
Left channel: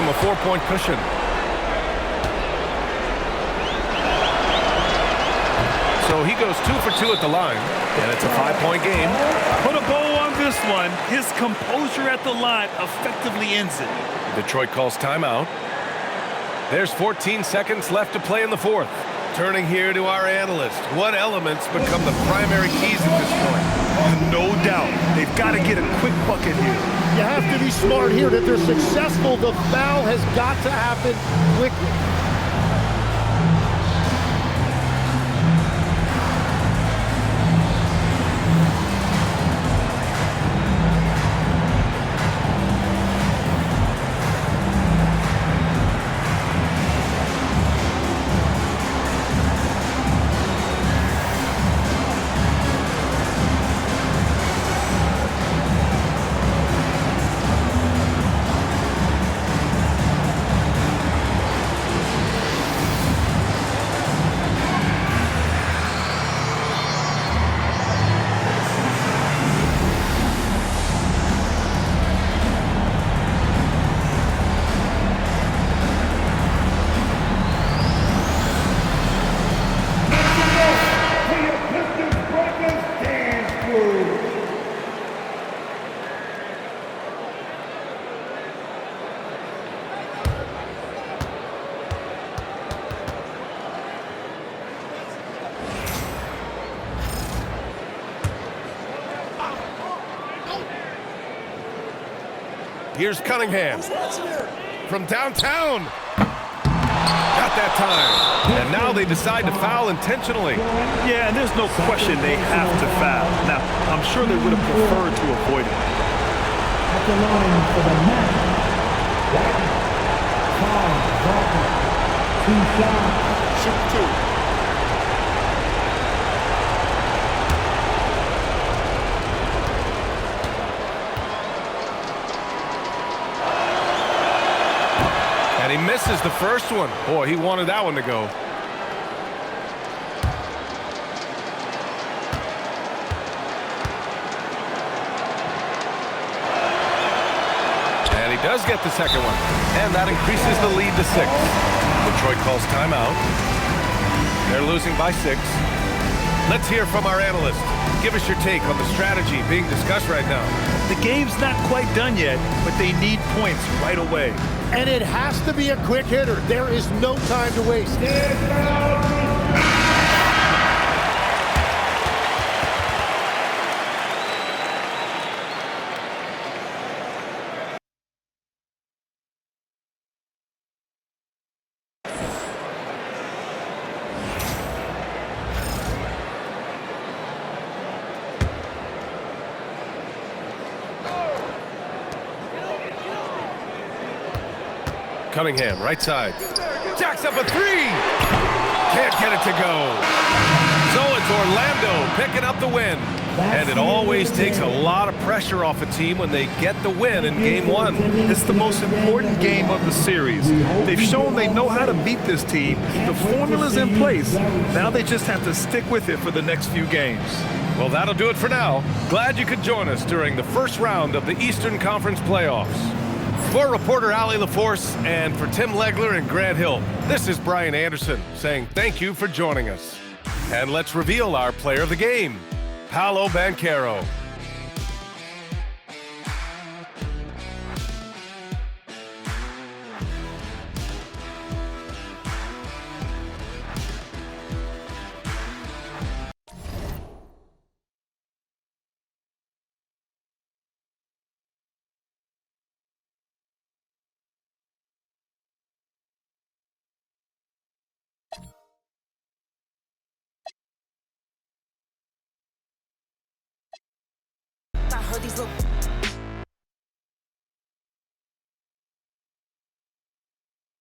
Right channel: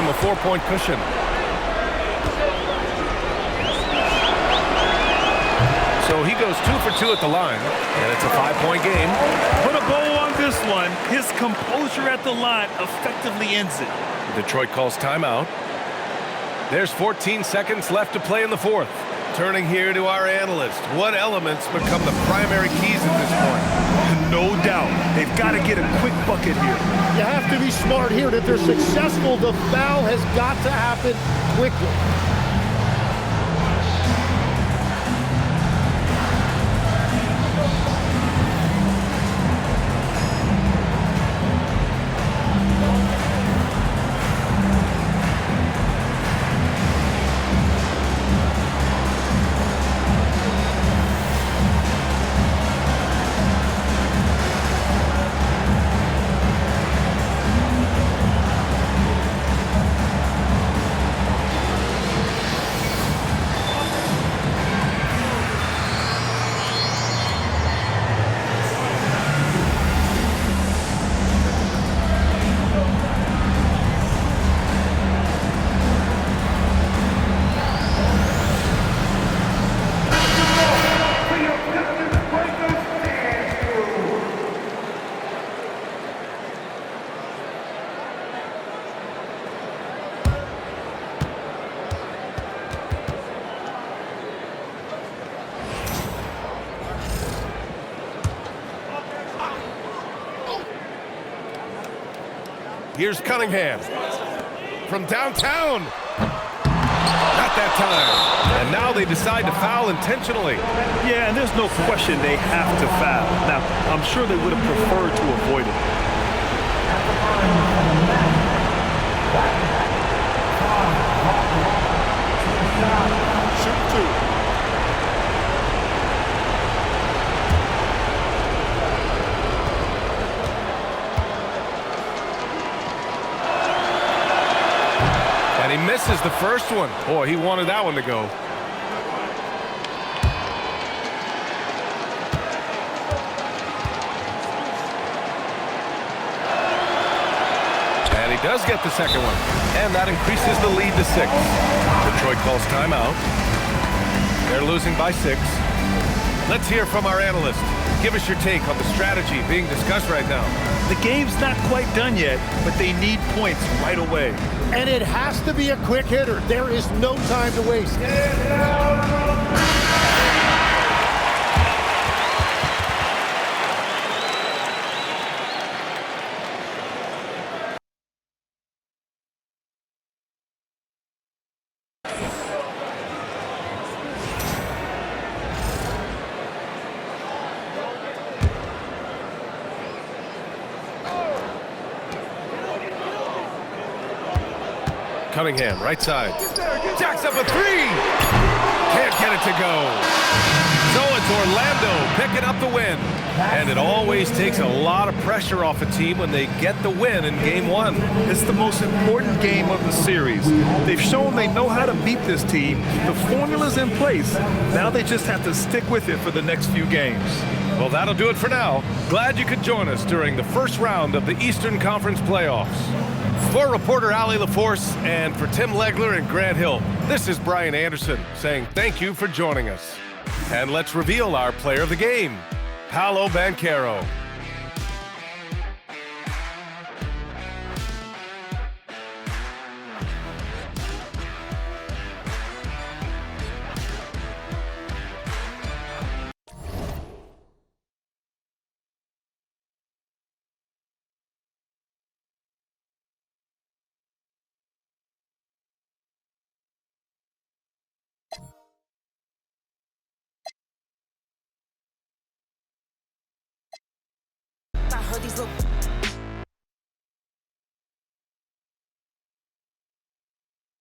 him a 4-point cushion. So he goes 2 for 2 at the line, and it's a 5-point game. Put a bow on this one. His composure at the line effectively ends it. Detroit calls timeout. There's 14 seconds left to play in the fourth. Turning here to our analyst. What elements become the primary keys at this point? No doubt. They've got to get a quick bucket here. You have to be smart here. If they're successful, the foul has got to happen quickly. Here's Cunningham from downtown. Not that time. And now they decide to foul intentionally. Yeah, and there's no question they have to foul. Now, I'm sure they would have preferred to avoid it. At the line for the match. Foul, Barton. 2 shots. Shoot 2. And he misses the first one. Boy, he wanted that one to go. And he does get the second one. And that increases the lead to 6. Detroit calls timeout. They're losing by 6. Let's hear from our analyst. Give us your take on the strategy being discussed right now. The game's not quite done yet, but they need points right away. And it has to be a quick hitter. There is no time to waste. Cunningham, right side. Jacks up a 3. Can't get it to go. So it's Orlando picking up the win. And it always takes a lot of pressure off a team when they get the win in Game 1. It's the most important game of the series. They've shown they know how to beat this team. The formula's in place. Now they just have to stick with it for the next few games. Well, that'll do it for now. Glad you could join us during the first round of the Eastern Conference playoffs. For reporter Allie LaForce and for Tim Legler and Grant Hill, this is Brian Anderson saying thank you for joining us. And let's reveal our player of the game, Paolo Banchero. I heard these little